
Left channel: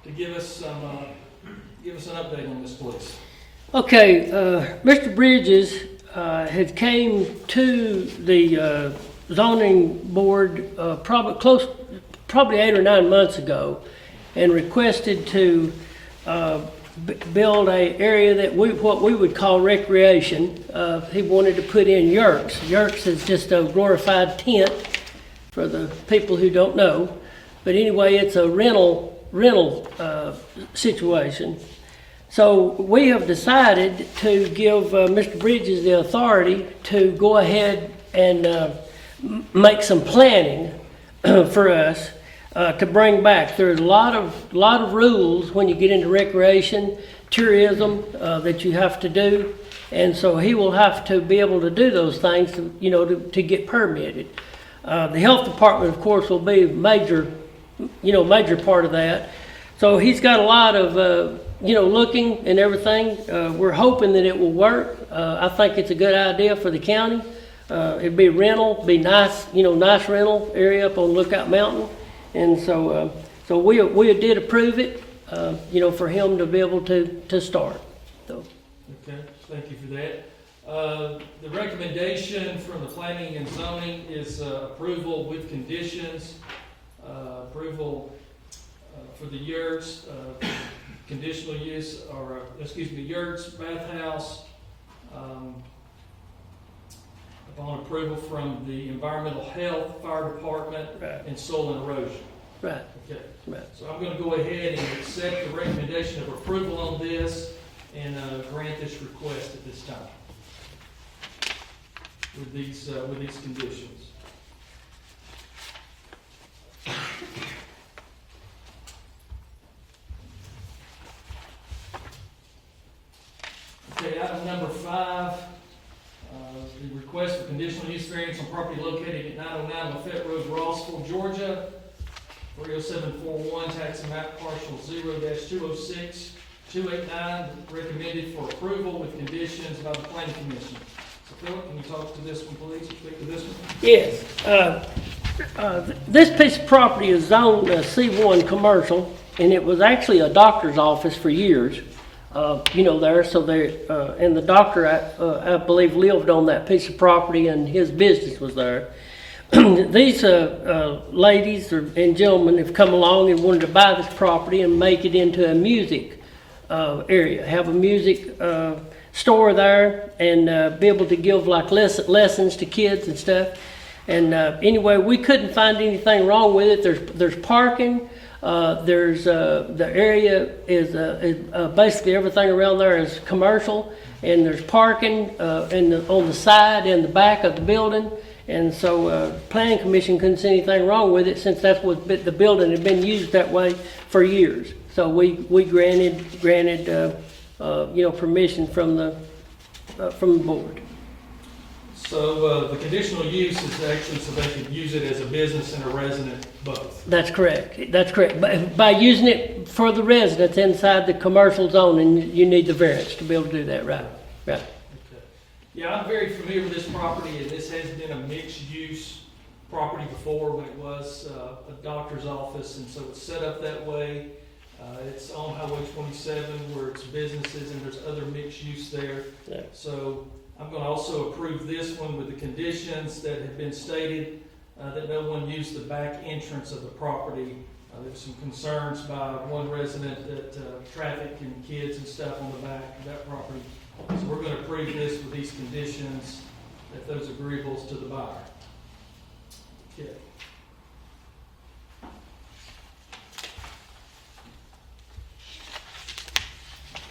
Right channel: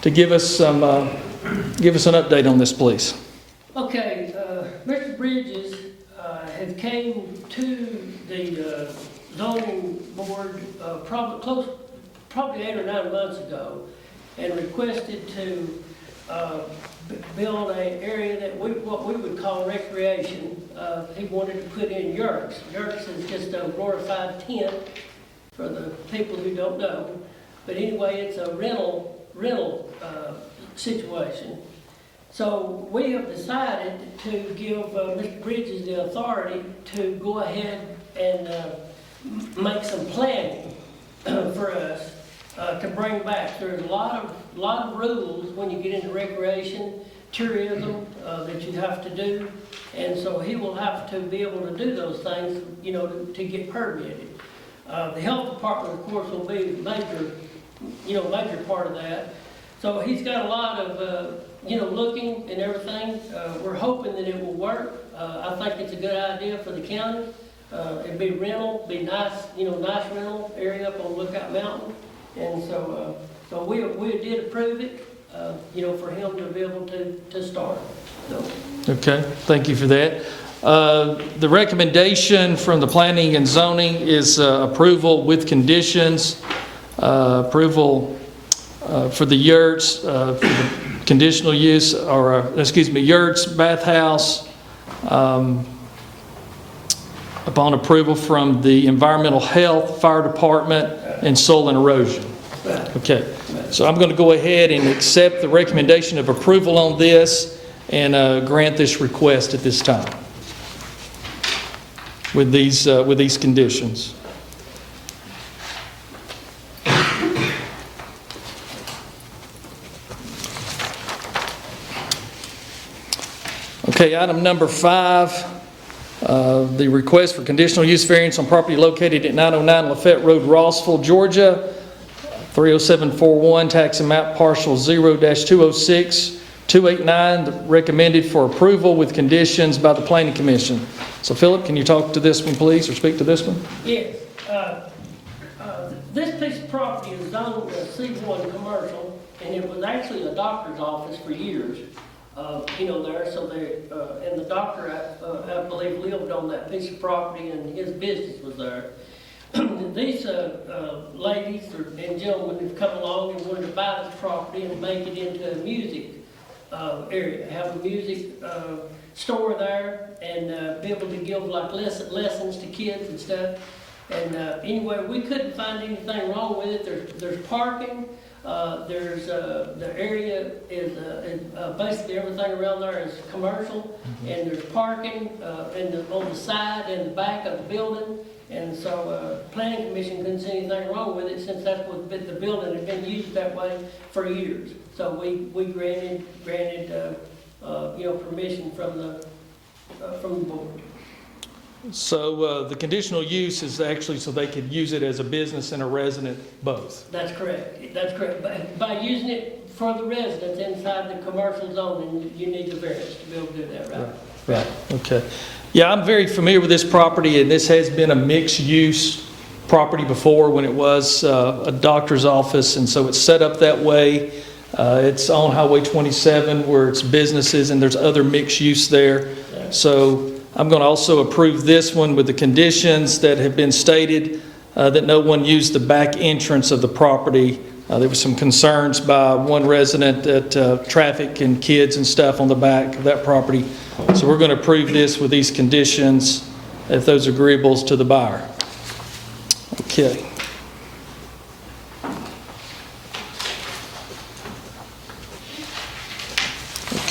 to give us an update on this, please. Okay, Mr. Bridges had came to the zoning board probably 8 or 9 months ago and requested to build a area that what we would call recreation. He wanted to put in yurts. Yurts is just a glorified tent for the people who don't know. But anyway, it's a rental situation. So we have decided to give Mr. Bridges the authority to go ahead and make some planning for us to bring back. There's a lot of rules when you get into recreation, tourism that you have to do, and so he will have to be able to do those things, to get permitted. The health department, of course, will be major part of that. So he's got a lot of looking and everything. We're hoping that it will work. I think it's a good idea for the county. It'd be rental, be nice, nice rental area up on Lookout Mountain. And so we did approve it, for him to be able to start. So. Okay, thank you for that. The recommendation from the Planning and Zoning is approval with conditions, approval for the yurts, for the conditional use, yurts, bathhouse, upon approval from the Environmental Health, Fire Department, and Soil and Erosion. Okay, so I'm going to go ahead and accept the recommendation of approval on this and grant this request at this time with these conditions. Okay, item number 5, the request for conditional use variance on property located at 909 Lafette Road, Rossville, Georgia, 30741, tax and map parcel 0-206-289, recommended for approval with conditions by the Planning Commission. So, Philip, can you talk to this one, please, or speak to this one? Yes. This piece of property is zoned C1 commercial, and it was actually a doctor's office for years. There, so and the doctor, I believe, lived on that piece of property, and his business was there. These ladies and gentlemen have come along and wanted to buy this property and make it into a music area, have a music store there, and be able to give like lessons to kids and stuff. And anyway, we couldn't find anything wrong with it. There's parking. The area is basically everything around there is commercial, and there's parking on the side and the back of the building. And so Planning Commission couldn't see anything wrong with it, since that's what the building had been used that way for years. So we granted permission from the board. So the conditional use is actually so they could use it as a business and a resident both. That's correct. That's correct. By using it for the residents inside the commercial zone, and you need the variance to be able to do that, right? Right. Okay. Yeah, I'm very familiar with this property, and this has been a mixed-use property before when it was a doctor's office, and so it's set up that way. It's on Highway 27 where it's businesses, and there's other mixed use there. So I'm going to also approve this one with the conditions that have been stated, that no one used the back entrance of the property. There were some concerns by one resident that traffic and kids and stuff on the back of that property. So we're going to approve this with these conditions, if those are agreeables to the buyer. Okay.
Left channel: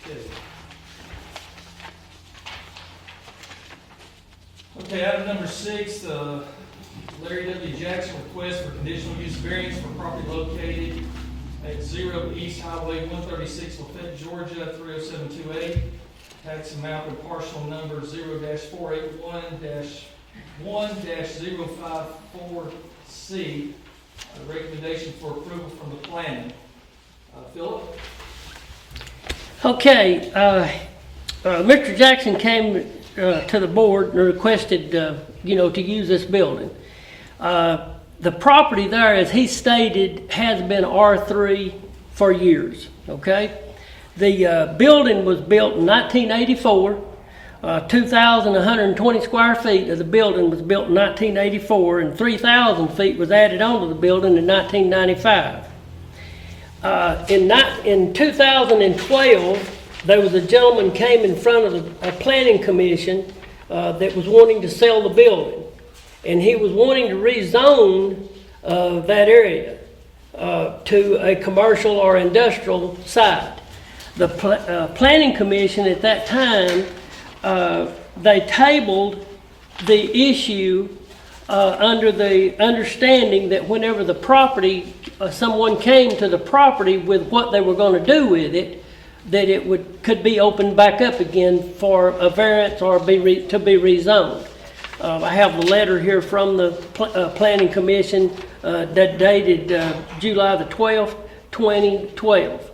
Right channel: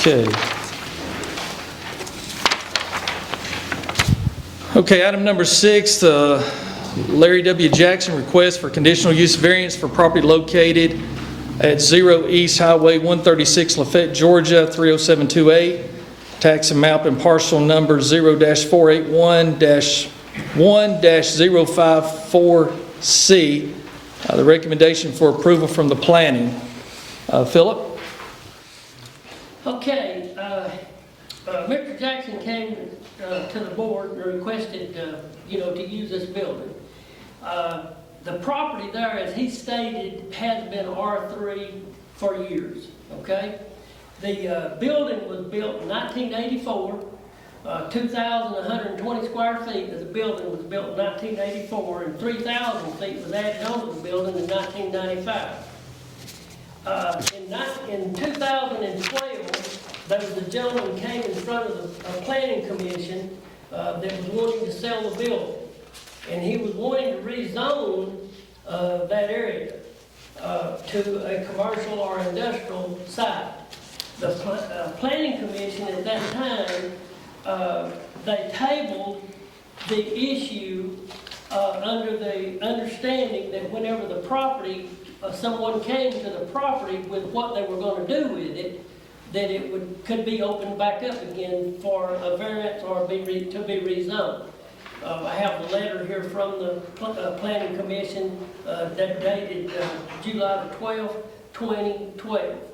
Okay. Okay, item number 6, Larry W. Jackson request for conditional use variance for property located at 0 East Highway 136, Lafayette, Georgia, 30728. Tax and map and parcel number 0-481-1-054C. The recommendation for approval from the planning. Philip? Okay, Mr. Jackson came to the board and requested, to use this building. The property there, as he stated, has been R3 for years, okay? The building was built in 1984. 2,120 square feet of the building was built in 1984, and 3,000 feet was added onto the building in 1995. In 2012, there was a gentleman came in front of a planning commission that was wanting to sell the building. And he was wanting to rezone that area to a commercial or industrial site. The planning commission at that time, they tabled the issue under the understanding that whenever the property, someone came to the property with what they were going to do with it, that it could be opened back up again for a variance or to be rezoned. I have a letter here from the Planning Commission that dated July the 12th, 2012.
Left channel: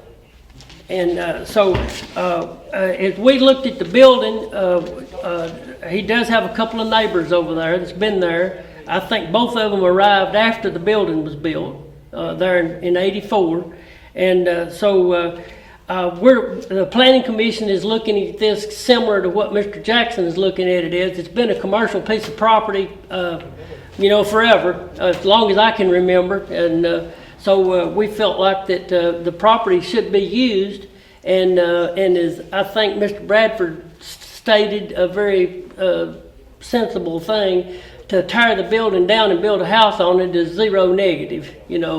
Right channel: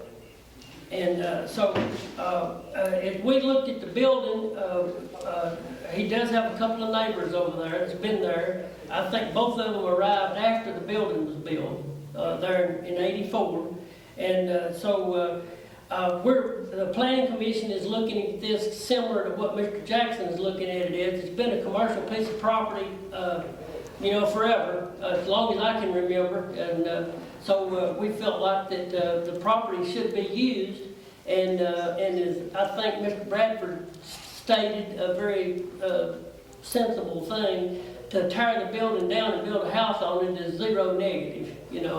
And so as we looked at the building, he does have a couple of neighbors over there that's been there. I think both of them arrived after the building was built there in '84. And so the Planning Commission is looking at this similar to what Mr. Jackson is looking at it as. It's been a commercial piece of property, forever, as long as I can remember. And so we felt like that the property should be used, and as I think Mr. Bradford stated, a very sensible thing, to tear the building down and build a house on it is zero negative,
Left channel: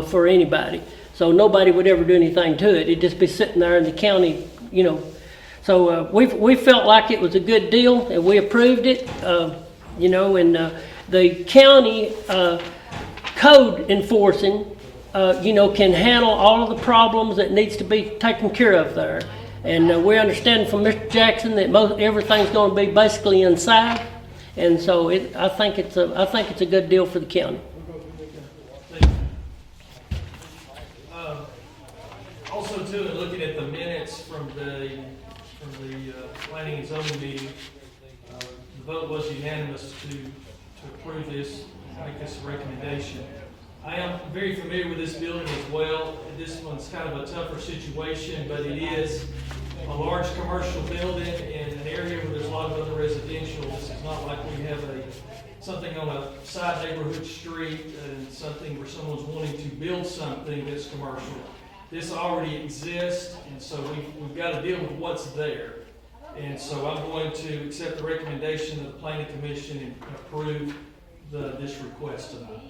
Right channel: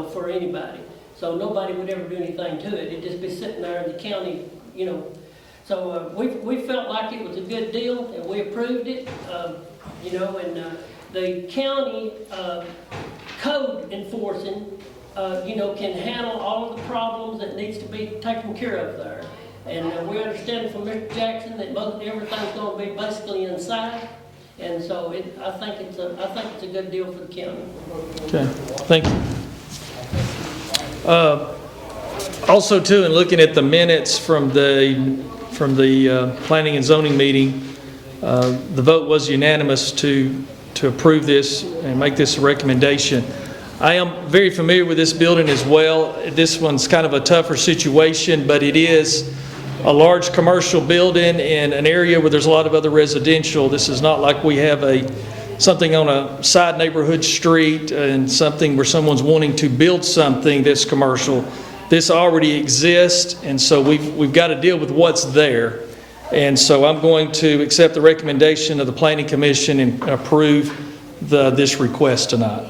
for anybody. So nobody would ever do anything to it. It'd just be sitting there in the county, So we felt like it was a good deal, and we approved it, and the county code enforcing, can handle all of the problems that needs to be taken care of there. And we understand from Mr. Jackson that everything's going to be basically inside, and so I think it's a good deal for the county. Okay, thank you. Also, too, in looking at the minutes from the planning and zoning meeting, the vote was unanimous to approve this and make this a recommendation. I am very familiar with this building as well. This one's kind of a tougher situation, but it is a large commercial building in an area where there's a lot of other residential. This is not like we have something on a side neighborhood street and something where someone's wanting to build something that's commercial. This already exists, and so we've got to deal with what's there. And so I'm going to accept the recommendation of the Planning Commission and approve this request tonight.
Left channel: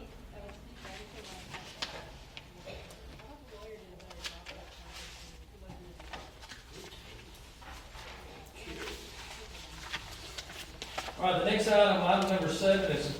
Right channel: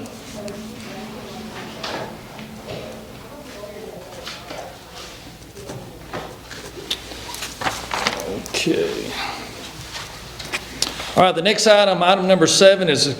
Okay. All right, the next item number 7, is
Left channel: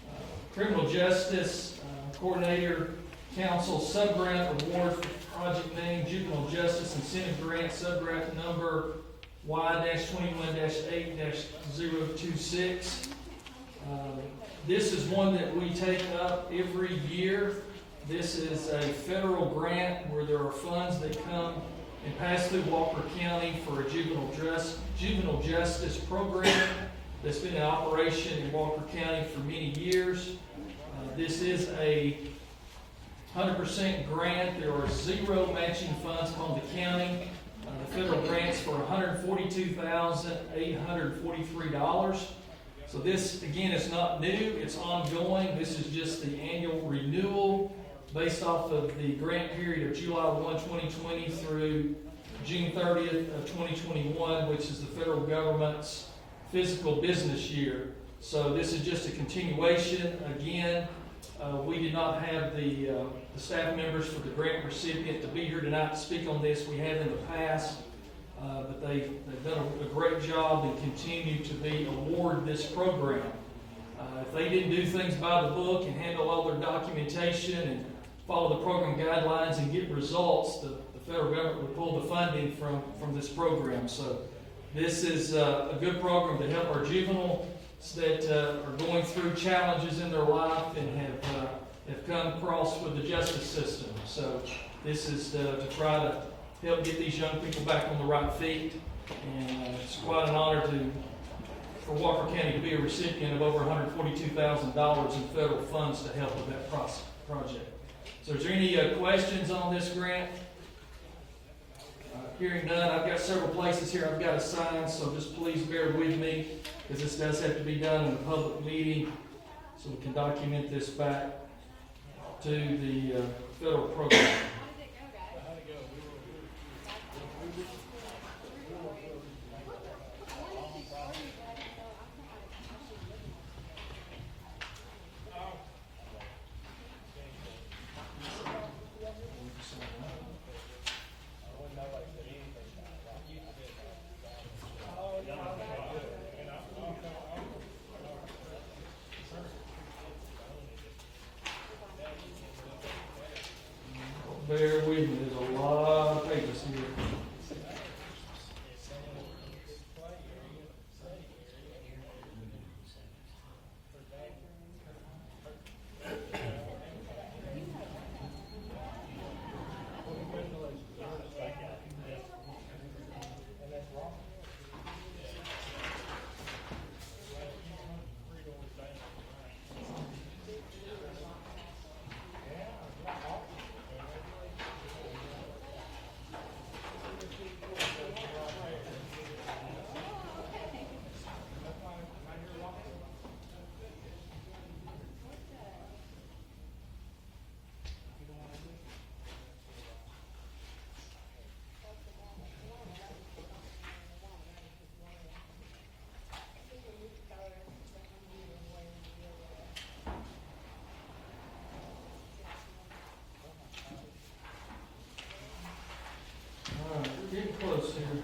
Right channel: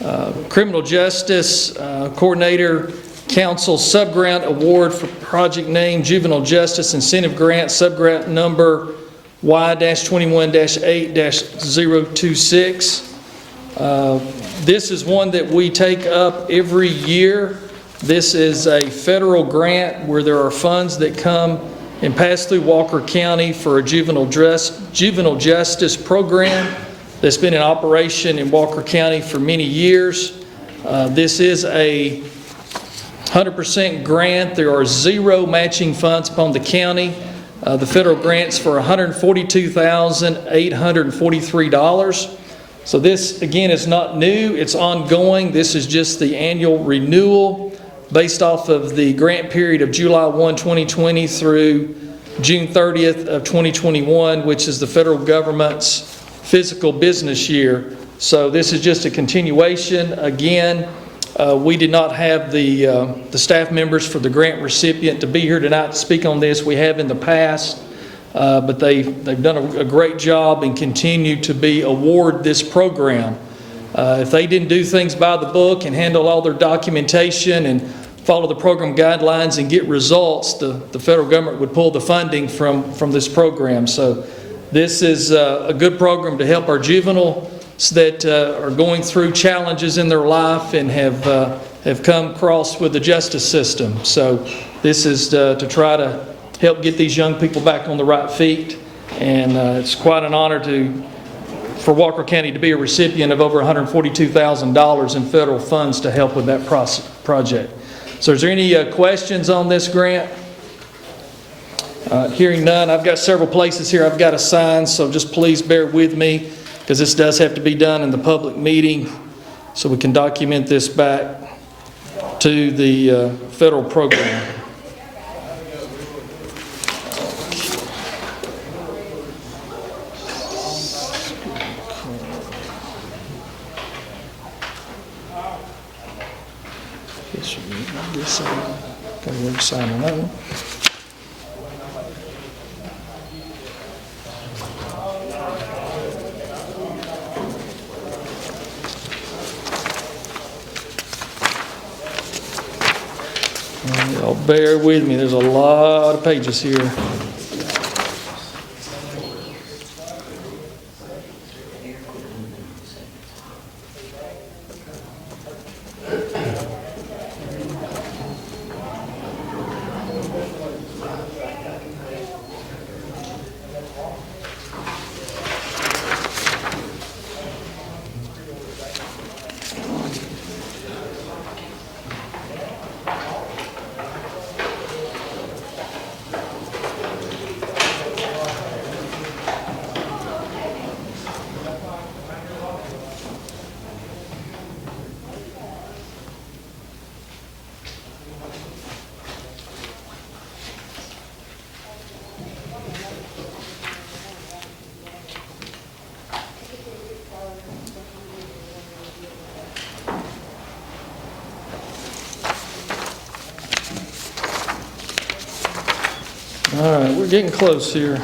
a Criminal Justice Coordinator Council Subgrant Award for project name Juvenile Justice Incentive Grant, subgrant number Y-21-8-026. This is one that we take up every year. This is a federal grant where there are funds that come and pass through Walker County for a juvenile justice program that's been in operation in Walker County for many years. This is a 100% grant. There are 0 matching funds upon the county. The federal grant's for $142,843. So this, again, is not new. It's ongoing. This is just the annual renewal based off of the grant period of July 1, 2020 through June 30th of 2021, which is the federal government's fiscal business year. So this is just a continuation. Again, we did not have the staff members for the grant recipient to be here tonight to speak on this. We have in the past, but they've done a great job and continue to award this program. If they didn't do things by the book and handle all their documentation and follow the program guidelines and get results, the federal government would pull the funding from this program. So this is a good program to help our juveniles that are going through challenges in their life and have come across with the justice system. So this is to try to help get these young people back on the right feet. And it's quite an honor for Walker County to be a recipient of over $142,000 in federal funds to help with that project. So is there any questions on this grant? Hearing none, I've got several places here I've got to sign, so just please bear with me, because this does have to be done in the public meeting so we can document this back to the federal program. Okay, we're signing that one. Y'all bear with me, there's a lot of pages here. All right, we're getting close here.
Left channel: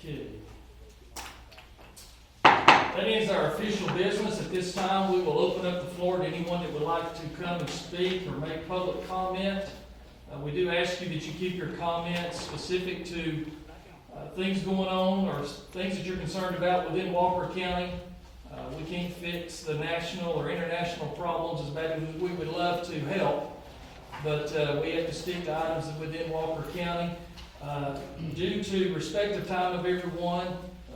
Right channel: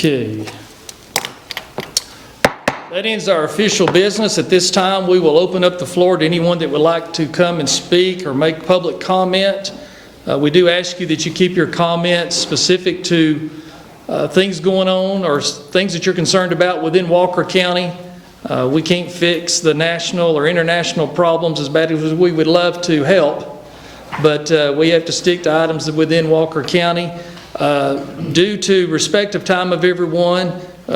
Okay. That ends our official business. At this time, we will open up the floor to anyone that would like to come and speak or make public comment. We do ask you that you keep your comments specific to things going on or things that you're concerned about within Walker County. We can't fix the national or international problems as bad as we would love to help, but we have to stick to items within Walker County. Due to respect of time of everyone,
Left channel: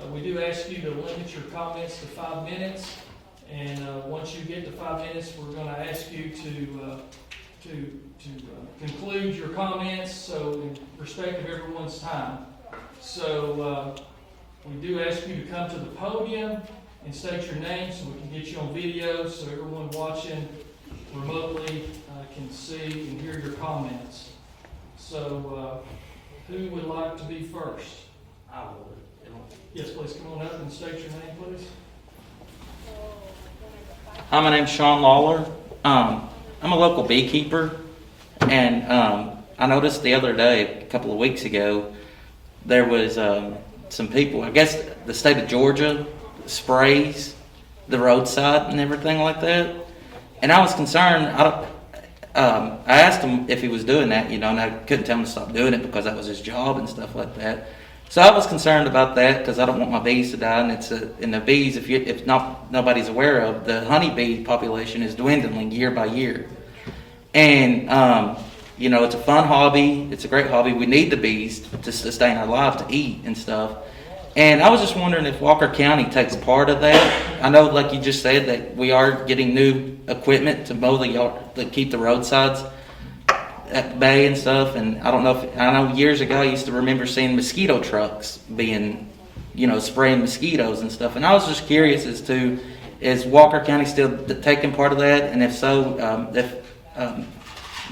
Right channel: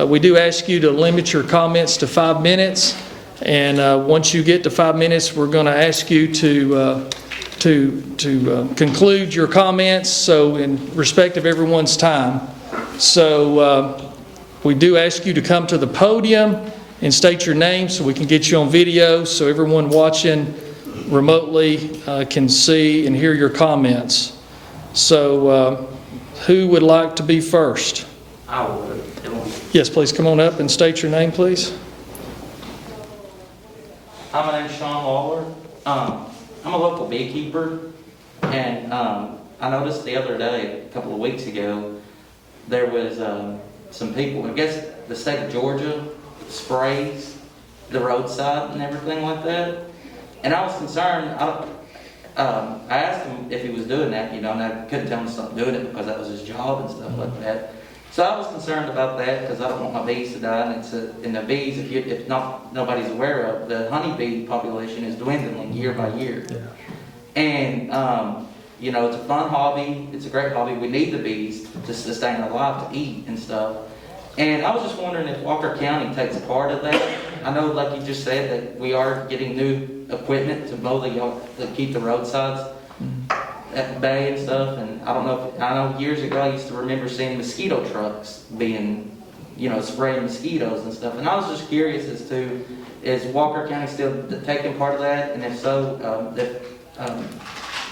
we do ask you to limit your comments to 5 minutes. And once you get to 5 minutes, we're going to ask you to conclude your comments, so in respect of everyone's time. So we do ask you to come to the podium and state your name so we can get you on video, so everyone watching remotely can see and hear your comments. So who would like to be first? I would. Yes, please come on up and state your name, please. Hi, my name's Sean Lawler. I'm a local beekeeper, and I noticed the other day, a couple of weeks ago, there was some people, I guess the state of Georgia sprays the roadside and everything like that. And I was concerned. I asked him if he was doing that, and I couldn't tell him to stop doing it because that was his job and stuff like that. So I was concerned about that because I don't want my bees to die, and the bees, if nobody's aware of, the honeybee population is dwindling year by year. And it's a fun hobby. It's a great hobby. We need the bees to sustain our life, to eat and stuff. And I was just wondering if Walker County takes part of that. I know, like you just said, that we are getting new equipment to mow the yard, to keep the roadsides at bay and stuff. And I don't know if, I know years ago, I used to remember seeing mosquito trucks being, spraying mosquitoes and stuff. And I was just curious as to, is Walker County still taking part of that? And if so, if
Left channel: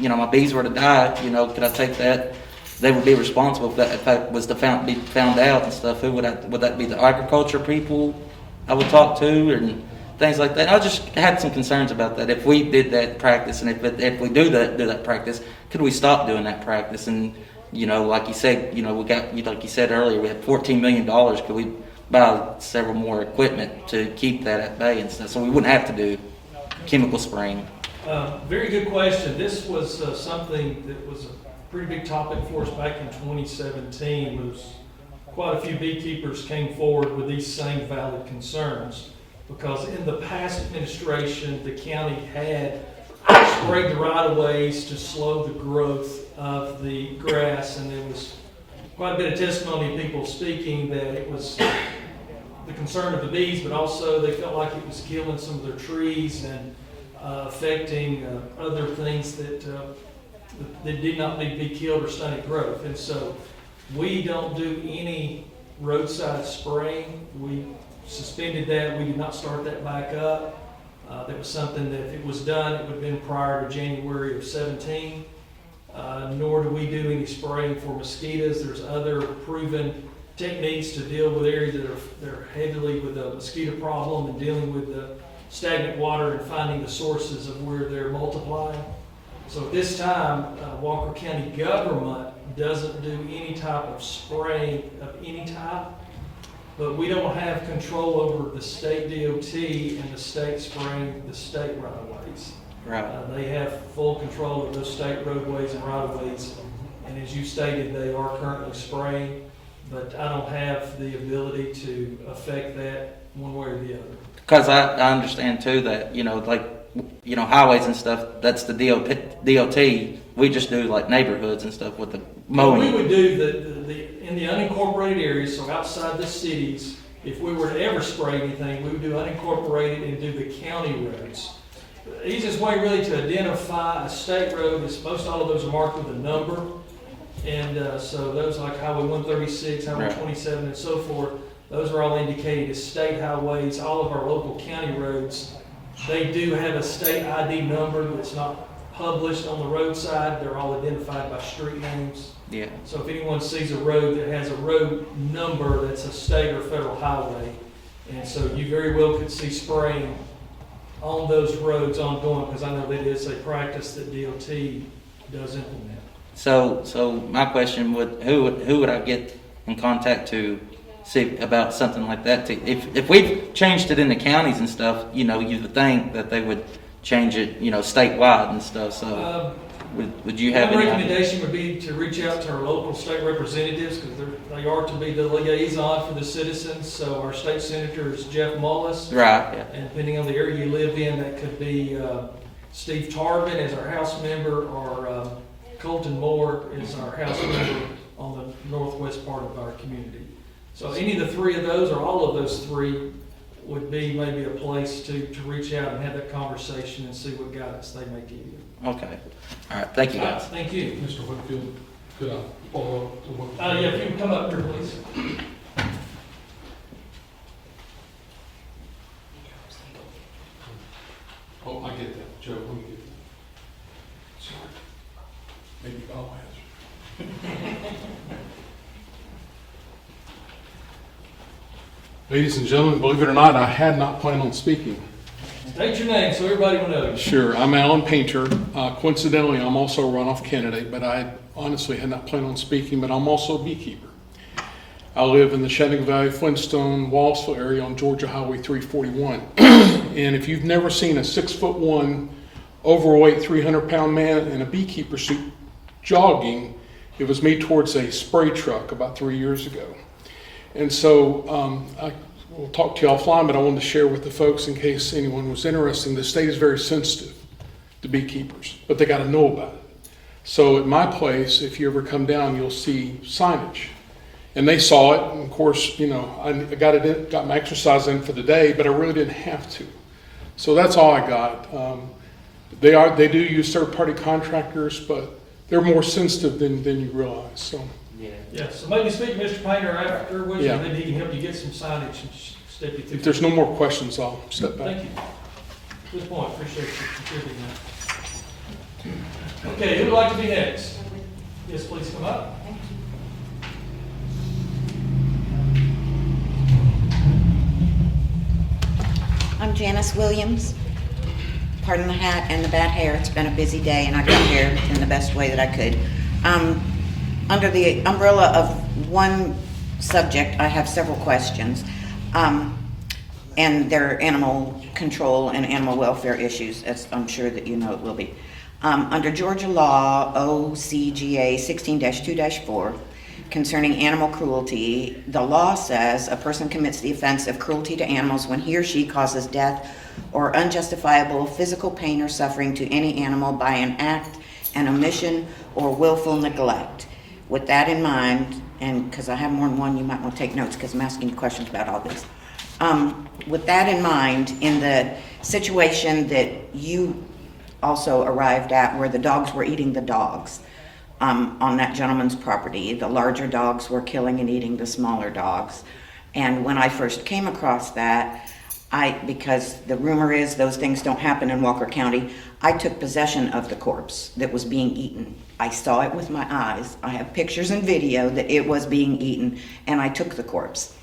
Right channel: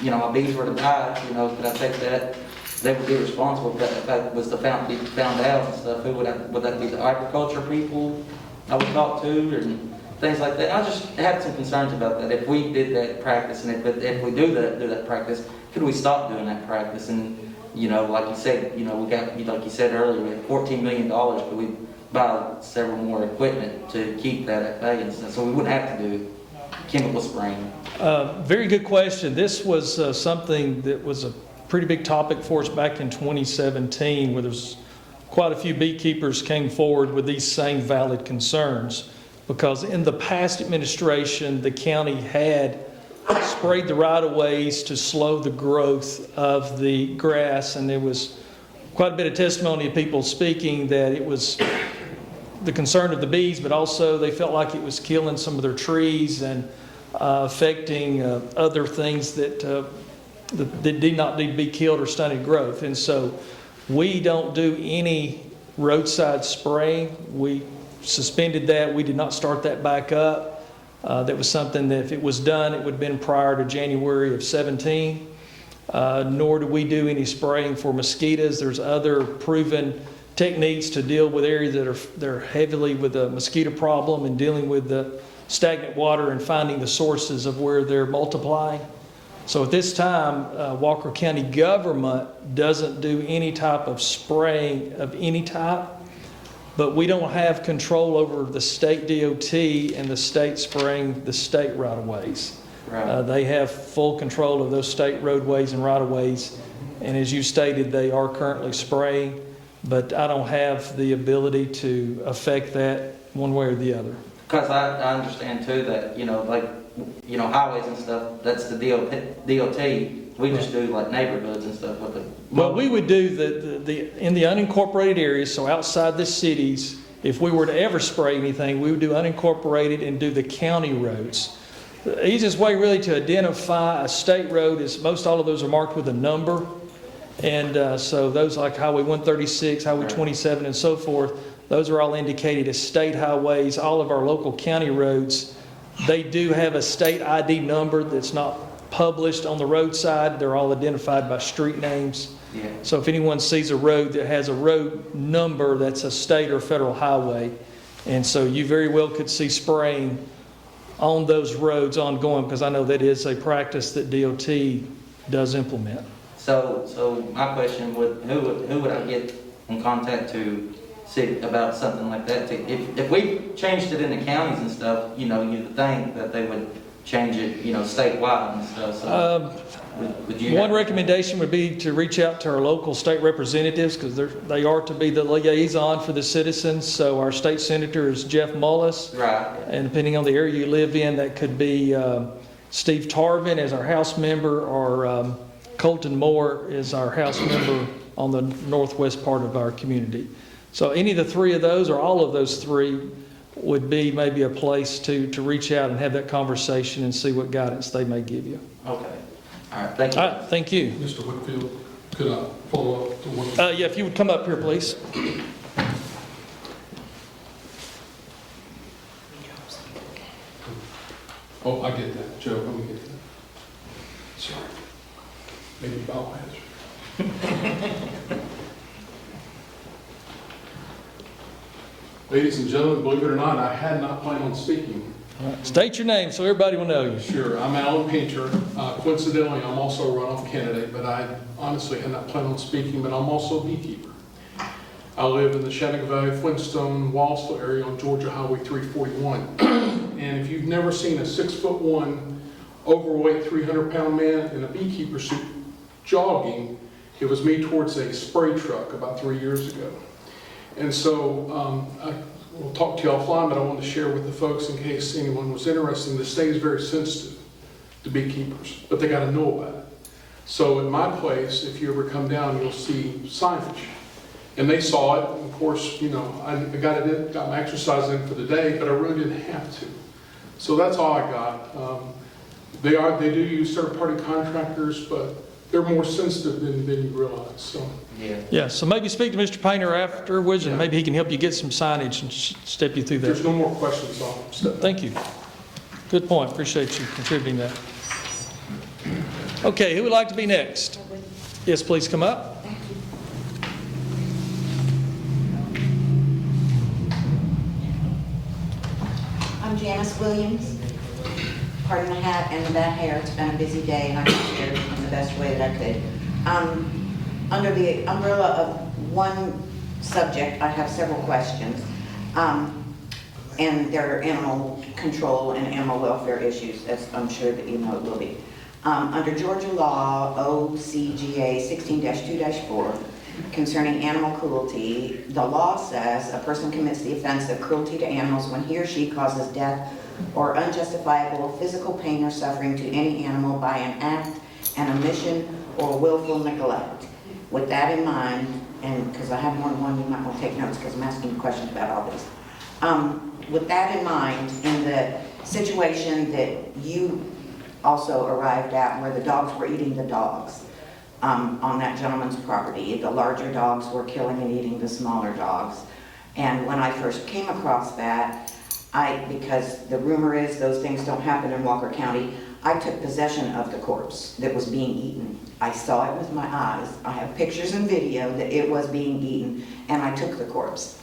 my bees were to die, could I take that? They would be responsible if that was to be found out and stuff. Would that be the agriculture people I would talk to and things like that? I just had some concerns about that. If we did that practice, and if we do that practice, could we stop doing that practice? And like you said, we got, like you said earlier, we had $14 million. Could we buy several more equipment to keep that at bay and stuff, so we wouldn't have to do chemical spraying? Very good question. This was something that was a pretty big topic for us back in 2017, where there's quite a few beekeepers came forward with these same valid concerns, because in the past administration, the county had sprayed the right-of-ways to slow the growth of the grass, and there was quite a bit of testimony of people speaking that it was the concern of the bees, but also they felt like it was killing some of their trees and affecting other things that did not need to be killed or stunted growth. And so we don't do any roadside spraying. We suspended that. We did not start that back up. That was something that if it was done, it would have been prior to January of 17. Nor do we do any spraying for mosquitoes. There's other proven techniques to deal with areas that are heavily with a mosquito problem and dealing with the stagnant water and finding the sources of where they're multiplying. So at this time, Walker County government doesn't do any type of spraying of any type, but we don't have control over the state DOT and the state spraying the state right-of-ways. Right. They have full control of those state roadways and right-of-ways, and as you stated, they are currently spraying, but I don't have the ability to affect that one way or the other. Because I understand too that, highways and stuff, that's the DOT. We just do like neighborhoods and stuff with the Well, mowing. we would do in the unincorporated areas, so outside the cities, if we were to ever spray anything, we would do unincorporated and do the county roads. The easiest way really to identify a state road is most all of those are marked with a number. And so those like Highway 136, Highway Right. 27 and so forth, those are all indicated as state highways. All of our local county roads, they do have a state ID number that's not published on the roadside. They're all identified by street names. Yeah. So if anyone sees a road that has a road number, that's a state or federal highway. And so you very well could see spraying on those roads ongoing, because I know that is a practice that DOT does implement. So my question who would I get in contact to see about something like that? If we've changed it in the counties and stuff, you would think that they would change it, statewide and stuff. So would you have One any recommendation would be to reach out to our local state representatives, because they are to be the liaison for the citizens. So our state senator is Jeff Mullis. Right. Yeah. And depending on the area you live in, that could be Steve Tarvin as our House member, or Colton Moore is our House member on the northwest part of our community. So any of the three of those, or all of those three, would be maybe a place to reach out and have that conversation and see what guidance they may give you. Okay. All right. Thank you. All right, thank you. Mr. Whitfield, could I follow up to one? Yeah, if you would come up here, please. Oh, I get that. Joe, let me get that. Sorry. Maybe bow has. Ladies and gentlemen, believe it or not, I had not planned on speaking. State your name so everybody will know you. Sure, I'm Alan Painter. Coincidentally, I'm also a runoff candidate, but I honestly had not planned on speaking, but I'm also a beekeeper. I live in the Shenandoah Valley, Flintstone, Rossville area on Georgia Highway 341. And if you've never seen a 6'1", overweight, 300-pound man in a beekeeper suit jogging, it was me towards a spray truck about 3 years ago. And so I will talk to you offline, but I wanted to share with the folks in case anyone was interested. The state is very sensitive to beekeepers, but they got to know about it. So at my place, if you ever come down, you'll see signage. And they saw it, and of course, I got my exercise in for the day, but I really didn't have to. So that's all I got. They do use third-party contractors, but they're more sensitive than you realize, so. Yeah, so maybe speak to Mr. Painter afterwards, and Yeah. maybe he can help you get some signage and step you through If that. there's no more questions, I'll step back. Thank you. Good point. Appreciate you contributing that. Okay, who would like to be next? Yes, please come up. I'm Janice Williams. Pardon the hat and the bad hair. It's been a busy day and I got here in the best way that I could. Under the umbrella of one subject, I have several questions. And they're animal control and animal welfare issues, as I'm sure that you know it will be. Under Georgia law OCGA 16-2-4 concerning animal cruelty, the law says a person commits the offense of cruelty to animals when he or she causes death or unjustifiable physical pain or suffering to any animal by an act, an omission, or willful neglect. With that in mind, and because I have more than one, you might want to take notes because I'm asking you questions about all this. With that in mind, in the situation that you also arrived at where the dogs were eating the dogs on that gentleman's property, the larger dogs were killing and eating the smaller dogs. And when I first came across that, because the rumor is those things don't happen in Walker County, I took possession of the corpse that was being eaten. I saw it with my eyes. I have pictures and video that it was being eaten, and I took the corpse.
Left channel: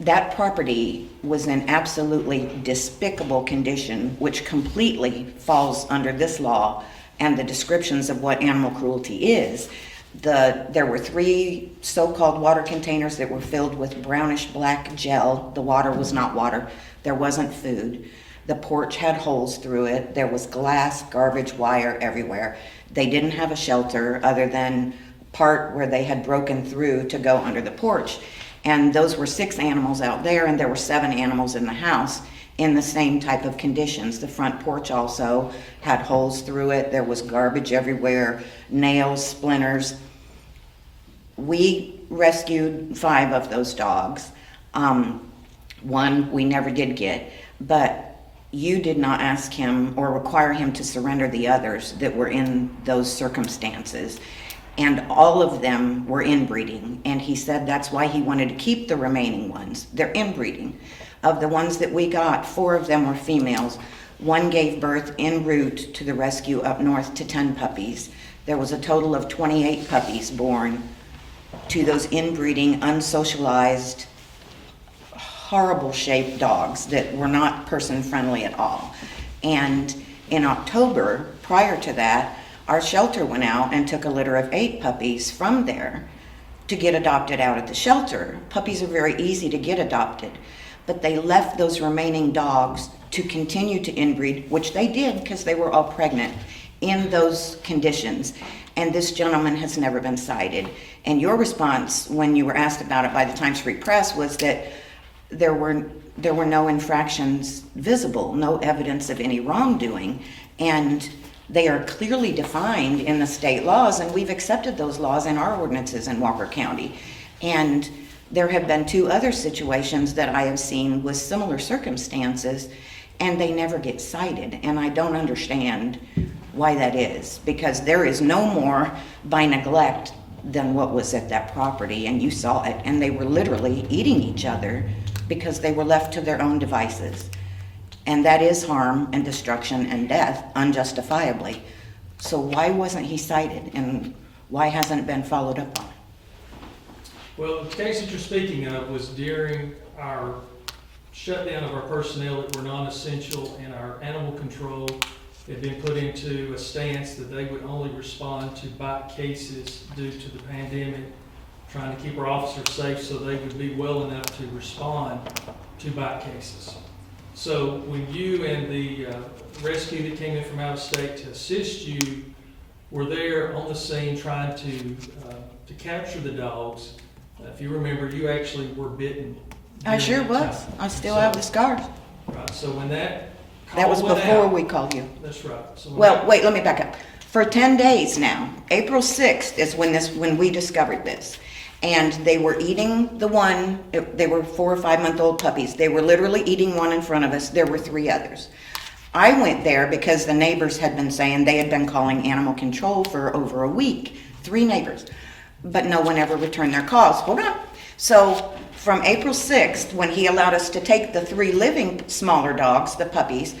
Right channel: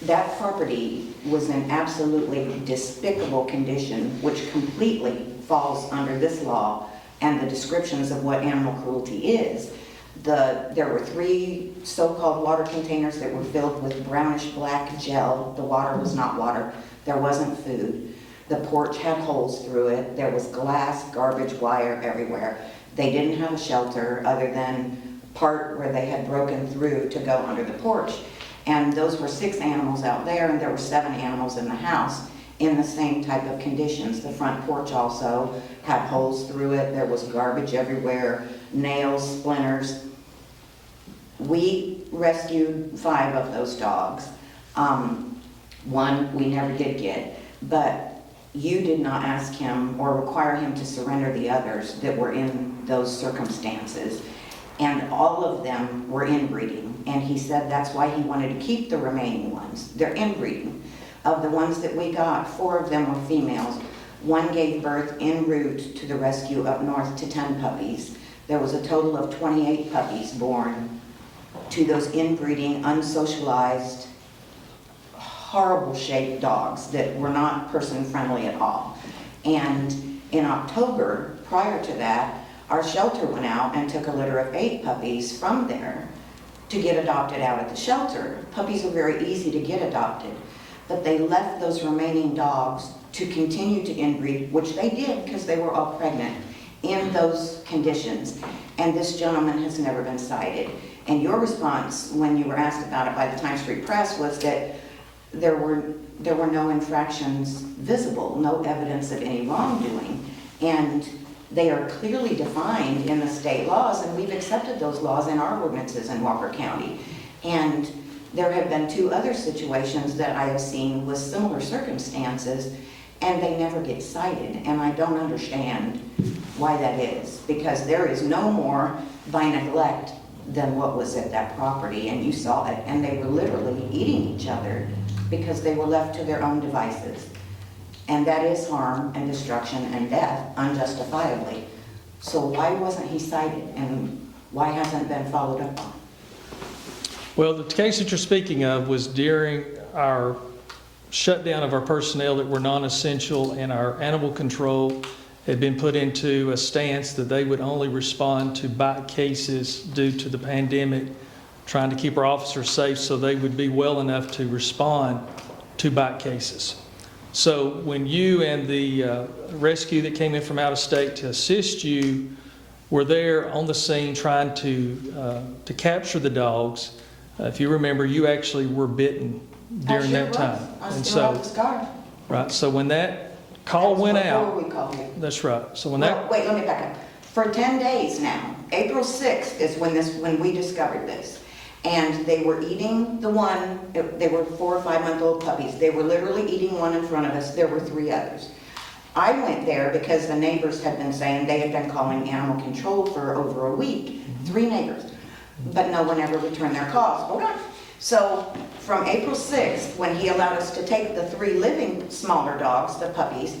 That property was in absolutely despicable condition, which completely falls under this law and the descriptions of what animal cruelty is. There were 3 so-called water containers that were filled with brownish black gel. The water was not water. There wasn't food. The porch had holes through it. There was glass, garbage, wire everywhere. They didn't have a shelter other than part where they had broken through to go under the porch. And those were 6 animals out there, and there were 7 animals in the house in the same type of conditions. The front porch also had holes through it. There was garbage everywhere, nails, splinters. We rescued 5 of those dogs. One we never did get, but you did not ask him or require him to surrender the others that were in those circumstances. And all of them were inbreeding, and he said that's why he wanted to keep the remaining ones. They're inbreeding. Of the ones that we got, 4 of them were females. 1 gave birth en route to the rescue up north to 10 puppies. There was a total of 28 puppies born to those inbreeding, unsocialized, horrible-shaped dogs that were not person-friendly at all. And in October, prior to that, our shelter went out and took a litter of 8 puppies from there to get adopted out at the shelter. Puppies are very easy to get adopted, but they left those remaining dogs to continue to inbreed, which they did because they were all pregnant in those conditions. And this gentleman has never been cited. And your response when you were asked about it by the Times Free Press was that there were no infractions visible, no evidence of any wrongdoing. And they are clearly defined in the state laws, and we've accepted those laws in our ordinances in Walker County. And there have been 2 other situations that I have seen with similar circumstances, and they never get cited. And I don't understand why that is, because there is no more by neglect than what was at that property, and you saw it. And they were literally eating each other because they were left to their own devices. And that is harm and destruction and death unjustifiably. So why wasn't he cited, and why hasn't it been followed up on? Well, the case that you're speaking of was during our shutdown of our personnel that were non-essential, and our animal control had been put into a stance that they would only respond to bite cases due to the pandemic, trying to keep our officers safe so they would be well enough to respond to bite cases. So when you and the rescue that came in from out of state to assist you were there on the scene trying to capture the dogs, if you remember, you actually were bitten I during sure that was. time. I And still so- have the scars. Right, so when that call That was went before out. we called you. That's right. So when Well, that, wait, let me back up. For 10 days now, April 6th is when we discovered this. And they were eating the one, they were 4 or 5 month old puppies. They were literally eating one in front of us. There were 3 others. I went there because the neighbors had been saying they had been calling animal control for over a week. 3 neighbors. But no one ever returned their calls. Hold on. So from April 6th, when he allowed us to take the 3 living smaller dogs, the puppies,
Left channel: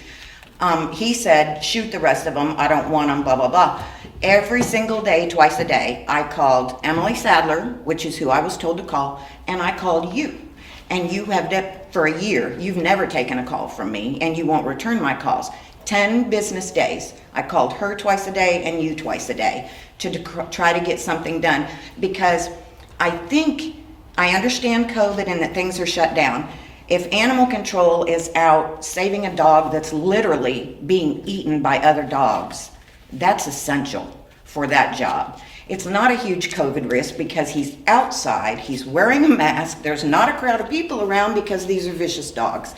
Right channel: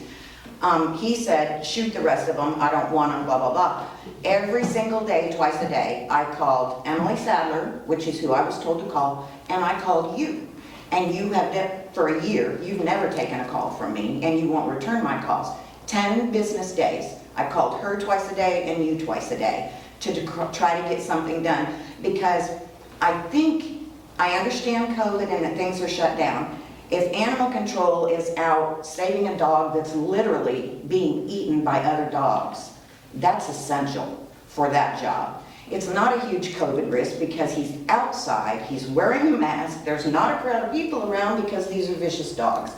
he said, shoot the rest of them, I don't want them, blah, blah, blah. Every single day, twice a day, I called Emily Sadler, which is who I was told to call, and I called you. And you have done, for a year, you've never taken a call from me, and you won't return my calls. 10 business days. I called her twice a day and you twice a day to try to get something done, because I understand COVID and that things are shut down. If animal control is out saving a dog that's literally being eaten by other dogs, that's essential for that job. It's not a huge COVID risk because he's outside, he's wearing a mask, there's not a crowd of people around because these are vicious dogs.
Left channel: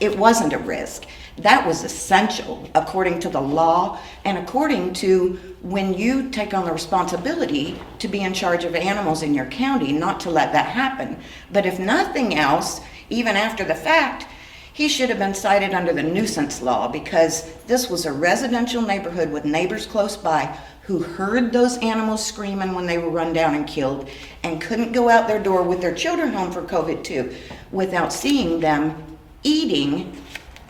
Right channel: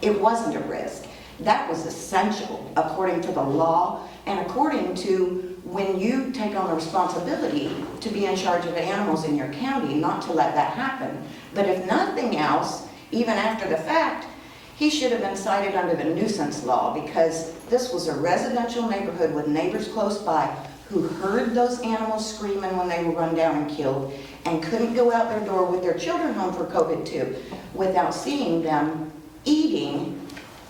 It wasn't a risk. That was essential according to the law and according to when you take on the responsibility to be in charge of animals in your county, not to let that happen. But if nothing else, even after the fact, he should have been cited under the nuisance law, because this was a residential neighborhood with neighbors close by who heard those animals screaming when they were run down and killed and couldn't go out their door with their children home for COVID too without seeing them eating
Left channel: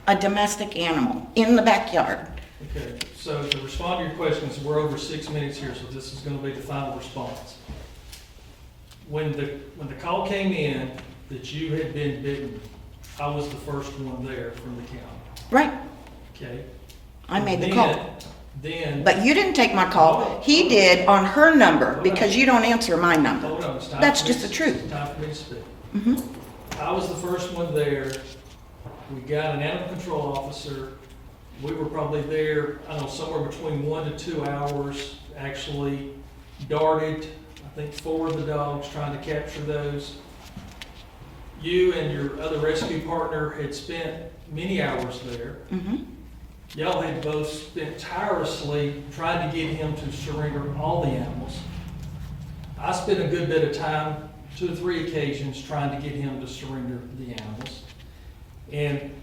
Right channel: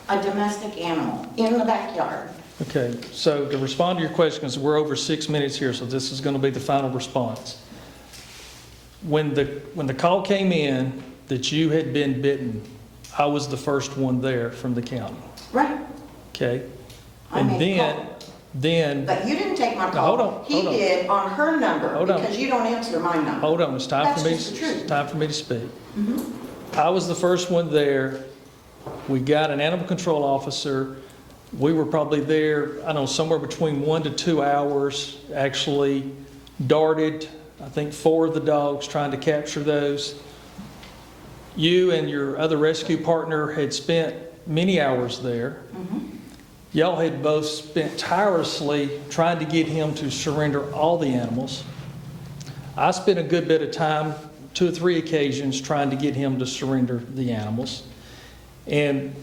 a domestic animal in the backyard. Okay, so to respond to your question, because we're over 6 minutes here, so this is going to be the final response. When the call came in that you had been bitten, I was the first one there from the county. Right, Okay? I And made the call. Then, But you didn't take my Hold call. on, He hold on. did on her number Hold on. because you don't answer my number. hold on, it's time That's for me. just the truth. It's time for me to speak. I was the first one there. We got an animal control officer. We were probably there, I don't know, somewhere between 1 to 2 hours, actually darted, I think 4 of the dogs, trying to capture those. You and your other rescue partner had spent many hours there. Y'all had both spent tirelessly trying to get him to surrender all the animals. I spent a good bit of time, 2 or 3 occasions, trying to get him to surrender the animals. And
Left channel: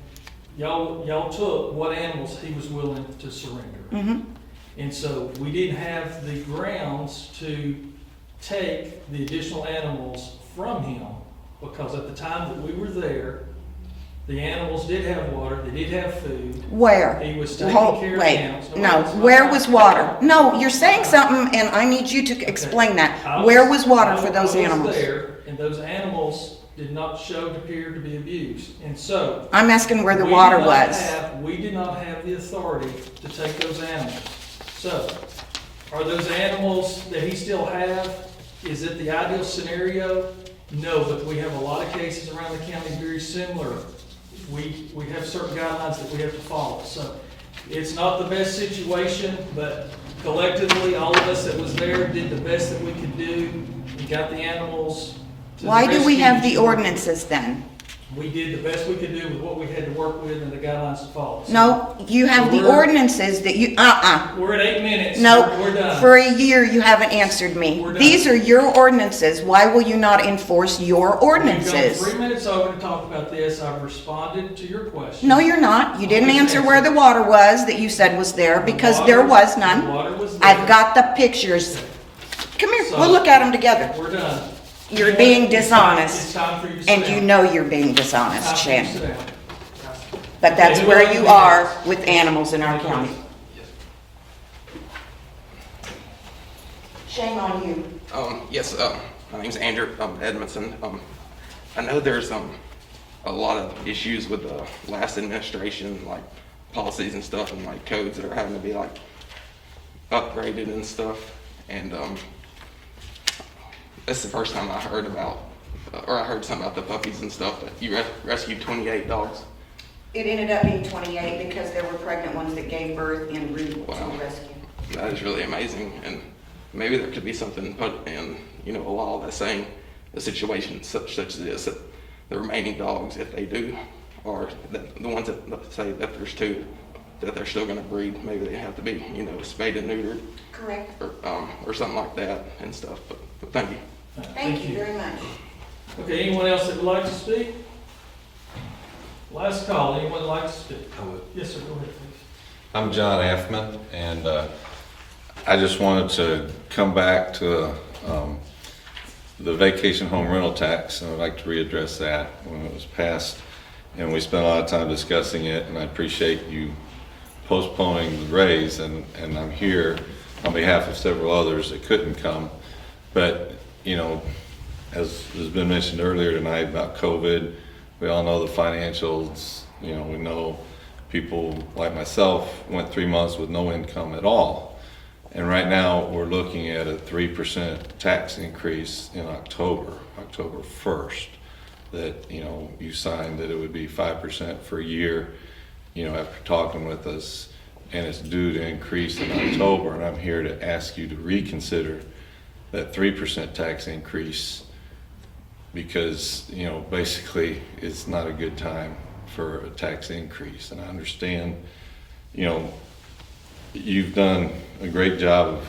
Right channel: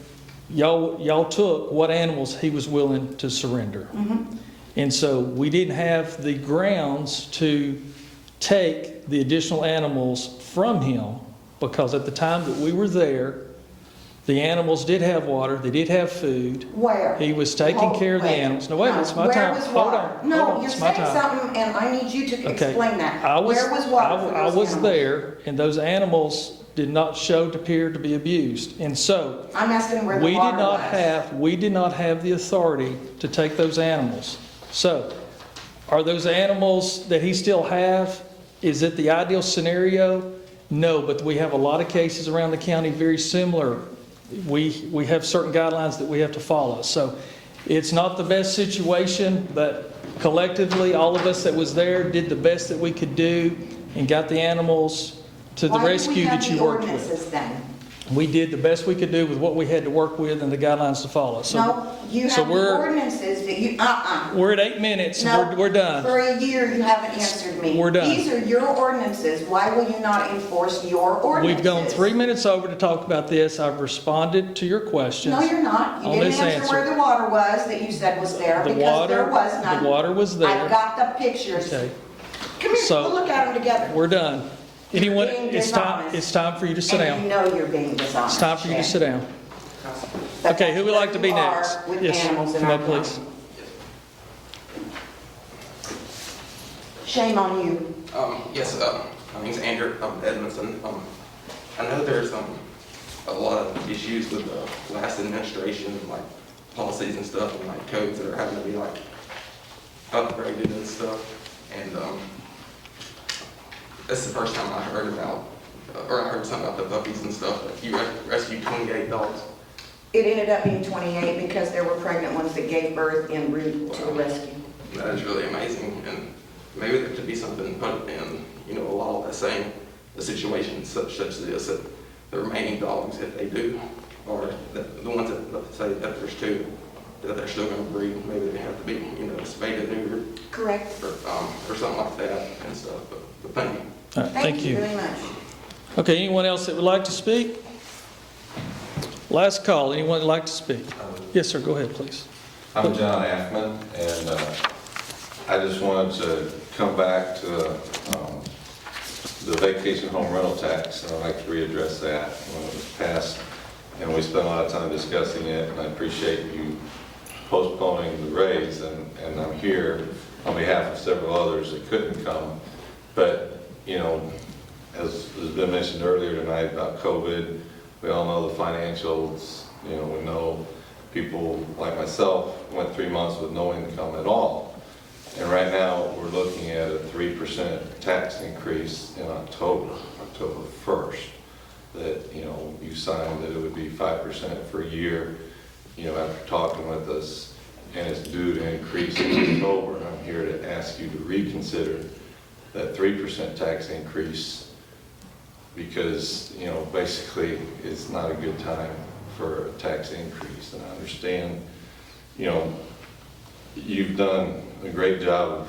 y'all took what animals he was willing to surrender. And so we didn't have the grounds to take the additional animals from him, because at the time that we were there, the animals did have water, they did have food. Where? He was taking Hold- care of the wait. animals. No, wait, it's my where time. was water? Hold on. No, you're It's my saying time. something and I need you to Okay. explain that. I Where was water for those I animals? was there, and those animals did not show to appear to be abused. And so, I'm asking where the we water did not was. we did not have the authority to take those animals. So, are those animals that he still have, is it the ideal scenario? No, but we have a lot of cases around the county very similar. We have certain guidelines that we have to follow. So, it's not the best situation, but collectively, all of us that was there did the best that we could do and got the animals to the Why rescue. do we have that the you worked for. ordinances then? We did the best we could do with what we had to work with and the guidelines to follow. So No, you have the we're- ordinances that you, We're at 8 minutes. No, We're done. for a year you haven't answered me. We're done. These are your ordinances. Why will you not enforce your We've ordinances? gone 3 minutes over to talk about this. I've responded to your question. No, you're not. You didn't Always answer where answer. the water was that you said was there, The because water- there was none. The water was there. I've got the pictures. Okay, Come here, So- we'll look at them together. we're done. You're Anyway, being it's time- dishonest. It's time for you to sit And down. you know you're being It's time dishonest, for you to sit Shan. down. But Okay, that's who would where like to you be are next? with Yes, animals in our come on, county. please. Shame on you. Yes, my name's Andrew Edmondson. I know there's a lot of issues with the last administration, like policies and stuff, and like codes that are having to be like upgraded and stuff. And this is the first time I heard about, or I heard something about the puppies and stuff. You rescued 28 dogs. It ended up being 28 because there were pregnant ones that gave birth en route to a rescue. And that is really amazing, and maybe there could be something put in, a law that's saying a situation such as this, that the remaining dogs, if they do, or the ones that, let's say that there's 2, that they're still gonna breed, maybe they have to be, spayed and neutered, Correct. or something like that and stuff, but thank you. All right, Thank you very much. Okay, anyone else that would like to speak? Last call, anyone would like to speak? Yes, sir, go ahead, please. I'm John Affman, and I just wanted to come back to the vacation home rental tax, and I'd like to readdress that when it was passed. And we spent a lot of time discussing it, and I appreciate you postponing the raise, and I'm here on behalf of several others that couldn't come. But, you know, as has been mentioned earlier tonight about COVID, we all know the financials, you know, we know people like myself went 3 months with no income at all. And right now, we're looking at a 3% tax increase in October 1st, that, you know, you signed that it would be 5% for a year, you know, after talking with us, and it's due to increase in October, and I'm here to ask you to reconsider that 3% tax increase, because, you know, basically, it's not a good time for a tax increase. And I understand, you know, you've done a great job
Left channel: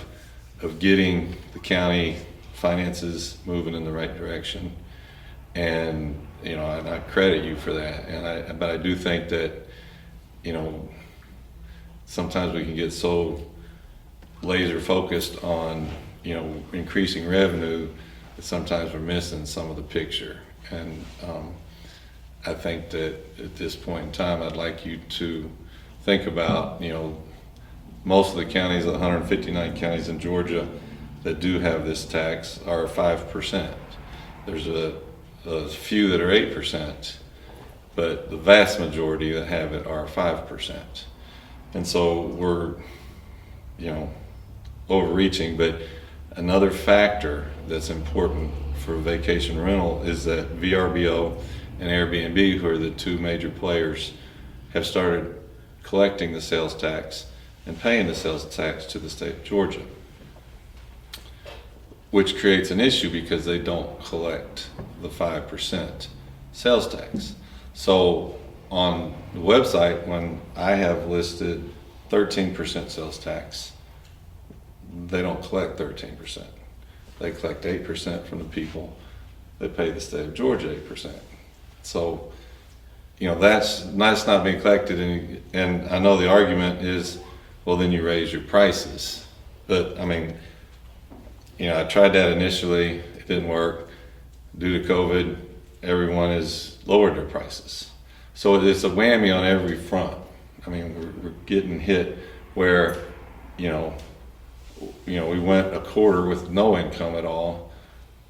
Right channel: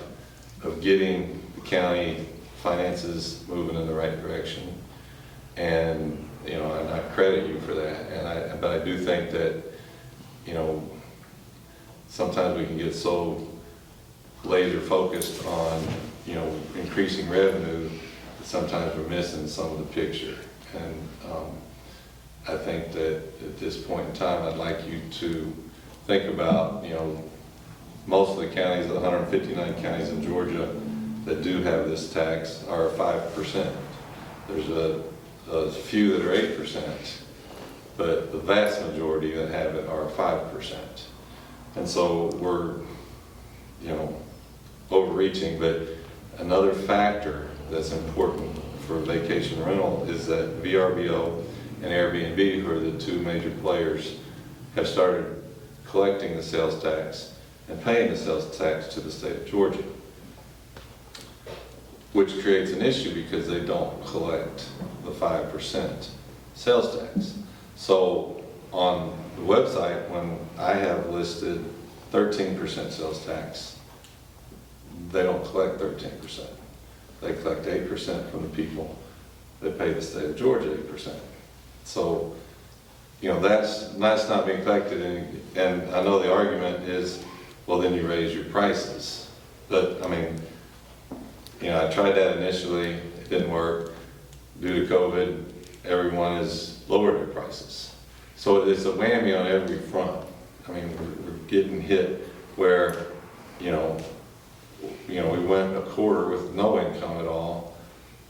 of getting the county finances moving in the right direction. And, you know, and I credit you for that. But I do think that, you know, sometimes we can get so laser focused on, you know, increasing revenue, that sometimes we're missing some of the picture. And I think that at this point in time, I'd like you to think about, you know, most of the counties, 159 counties in Georgia that do have this tax are 5%. There's a few that are 8%, but the vast majority that have it are 5%. And so we're, you know, overreaching. But another factor that's important for vacation rental is that VRBO and Airbnb, who are the two major players, have started collecting the sales tax and paying the sales tax to the state of Georgia, which creates an issue because they don't collect the 5% sales tax. So on the website, when I have listed 13% sales tax, they don't collect 13%. They collect 8% from the people that pay the state of Georgia 8%. So, you know, that's not being collected, and I know the argument is, well, then you raise your prices. But, I mean, you know, I tried that initially, it didn't work. Due to COVID, everyone has lowered their prices. So it's a whammy on every front. I mean, we're getting hit where, you know, we went a quarter with no income at all.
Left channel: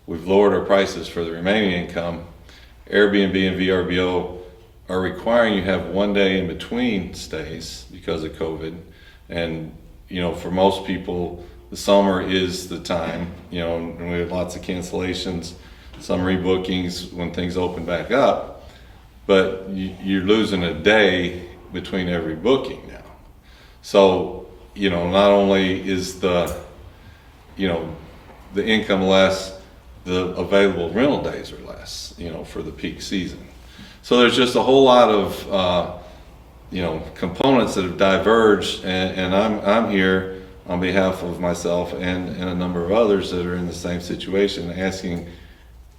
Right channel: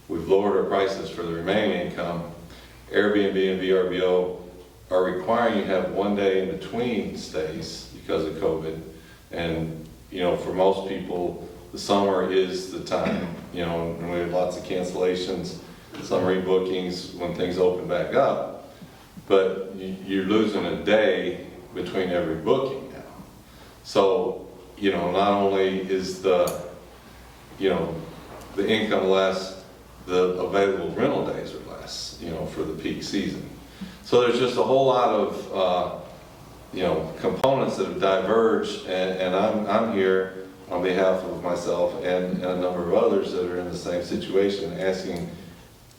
We've lowered our prices for the remaining income. Airbnb and VRBO are requiring you have 1 day in between stays because of COVID. And, you know, for most people, the summer is the time, you know, and we have lots of cancellations, some rebookings when things open back up, but you're losing a day between every booking now. So, you know, not only is the income less, the available rental days are less, you know, for the peak season. So there's just a whole lot of, components that have diverged, and I'm here on behalf of myself and a number of others that are in the same situation, asking,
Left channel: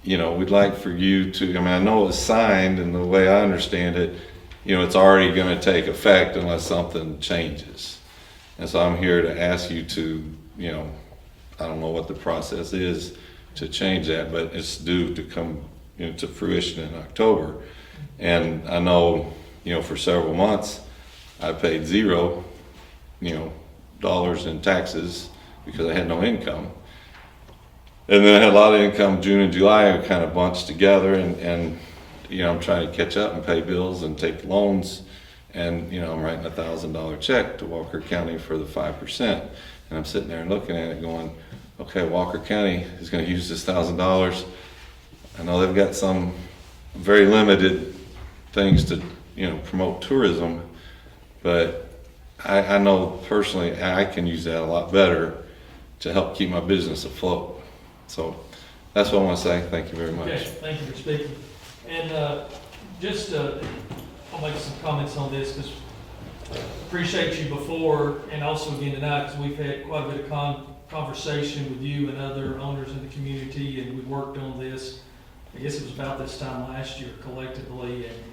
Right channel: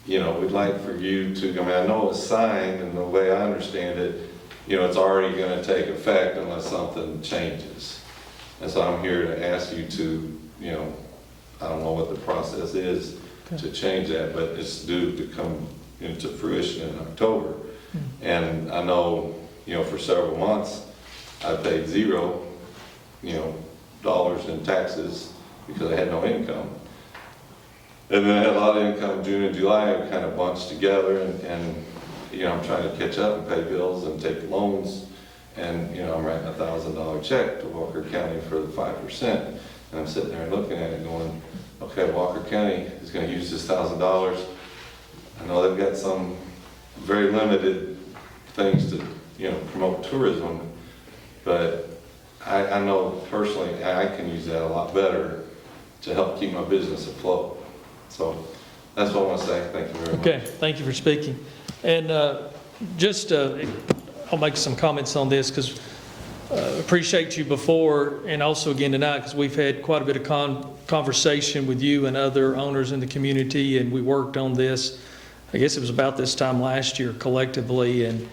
you know, we'd like for you to, I mean, I know it's signed, and the way I understand it, you know, it's already going to take effect unless something changes. And so I'm here to ask you to, you know, I don't know what the process is to change that, but it's due to come into fruition in October. And I know, you know, for several months, I paid $0, dollars in taxes because I had no income. And then I had a lot of income June and July, and kind of bunched together, and you know, I'm trying to catch up and pay bills and take loans, and you know, I'm writing a $1,000 check to Walker County for the 5%, and I'm sitting there looking at it going, okay, Walker County is going to use this $1,000. I know they've got some very limited things to, you know, promote tourism, but I know personally I can use that a lot better to help keep my business afloat. So that's what I want to say. Thank you very much. Okay, thank you for speaking. And I'll make some comments on this, because appreciate you before and also again tonight, because we've had quite a bit of conversation with you and other owners in the community, and we worked on this, I guess it was about this time last year collectively, and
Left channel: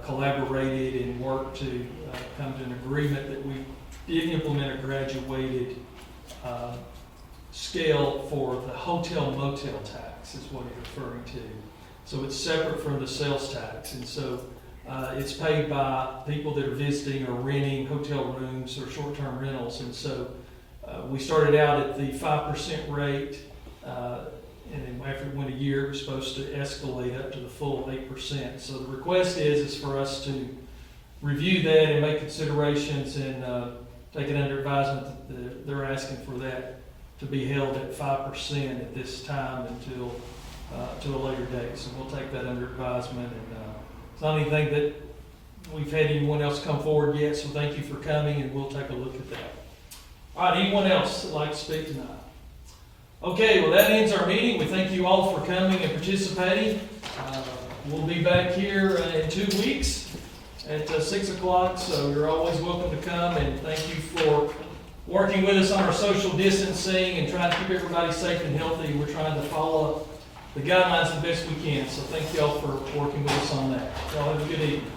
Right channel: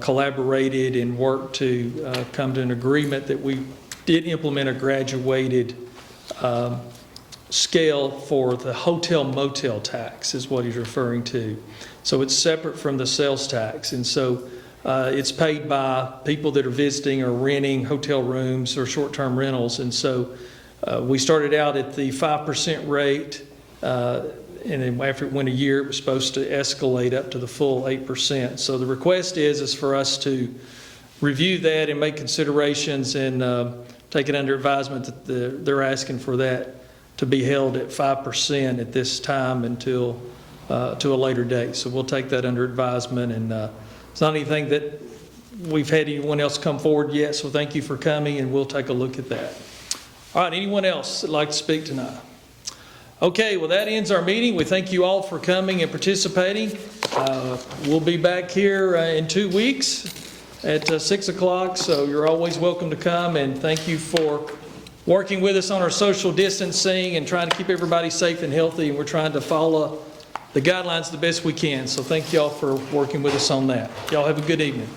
collaborated and worked to come to an agreement that we did implement a graduated scale for the hotel motel tax is what he's referring to. So it's separate from the sales tax. And so it's paid by people that are visiting or renting hotel rooms or short-term rentals. And so we started out at the 5% rate, and then after it went a year, it was supposed to escalate up to the full 8%. So the request is for us to review that and make considerations and take it under advisement that they're asking for that to be held at 5% at this time until to a later date. So we'll take that under advisement, and it's not anything that we've had anyone else come forward yet, so thank you for coming, and we'll take a look at that. All right, anyone else that'd like to speak tonight? Okay, well, that ends our meeting. We thank you all for coming and participating. We'll be back here in 2 weeks at 6 o'clock, so you're always welcome to come, and thank you for working with us on our social distancing and trying to keep everybody safe and healthy. We're trying to follow the guidelines the best we can, so thank y'all for working with us on that. Y'all have a good evening.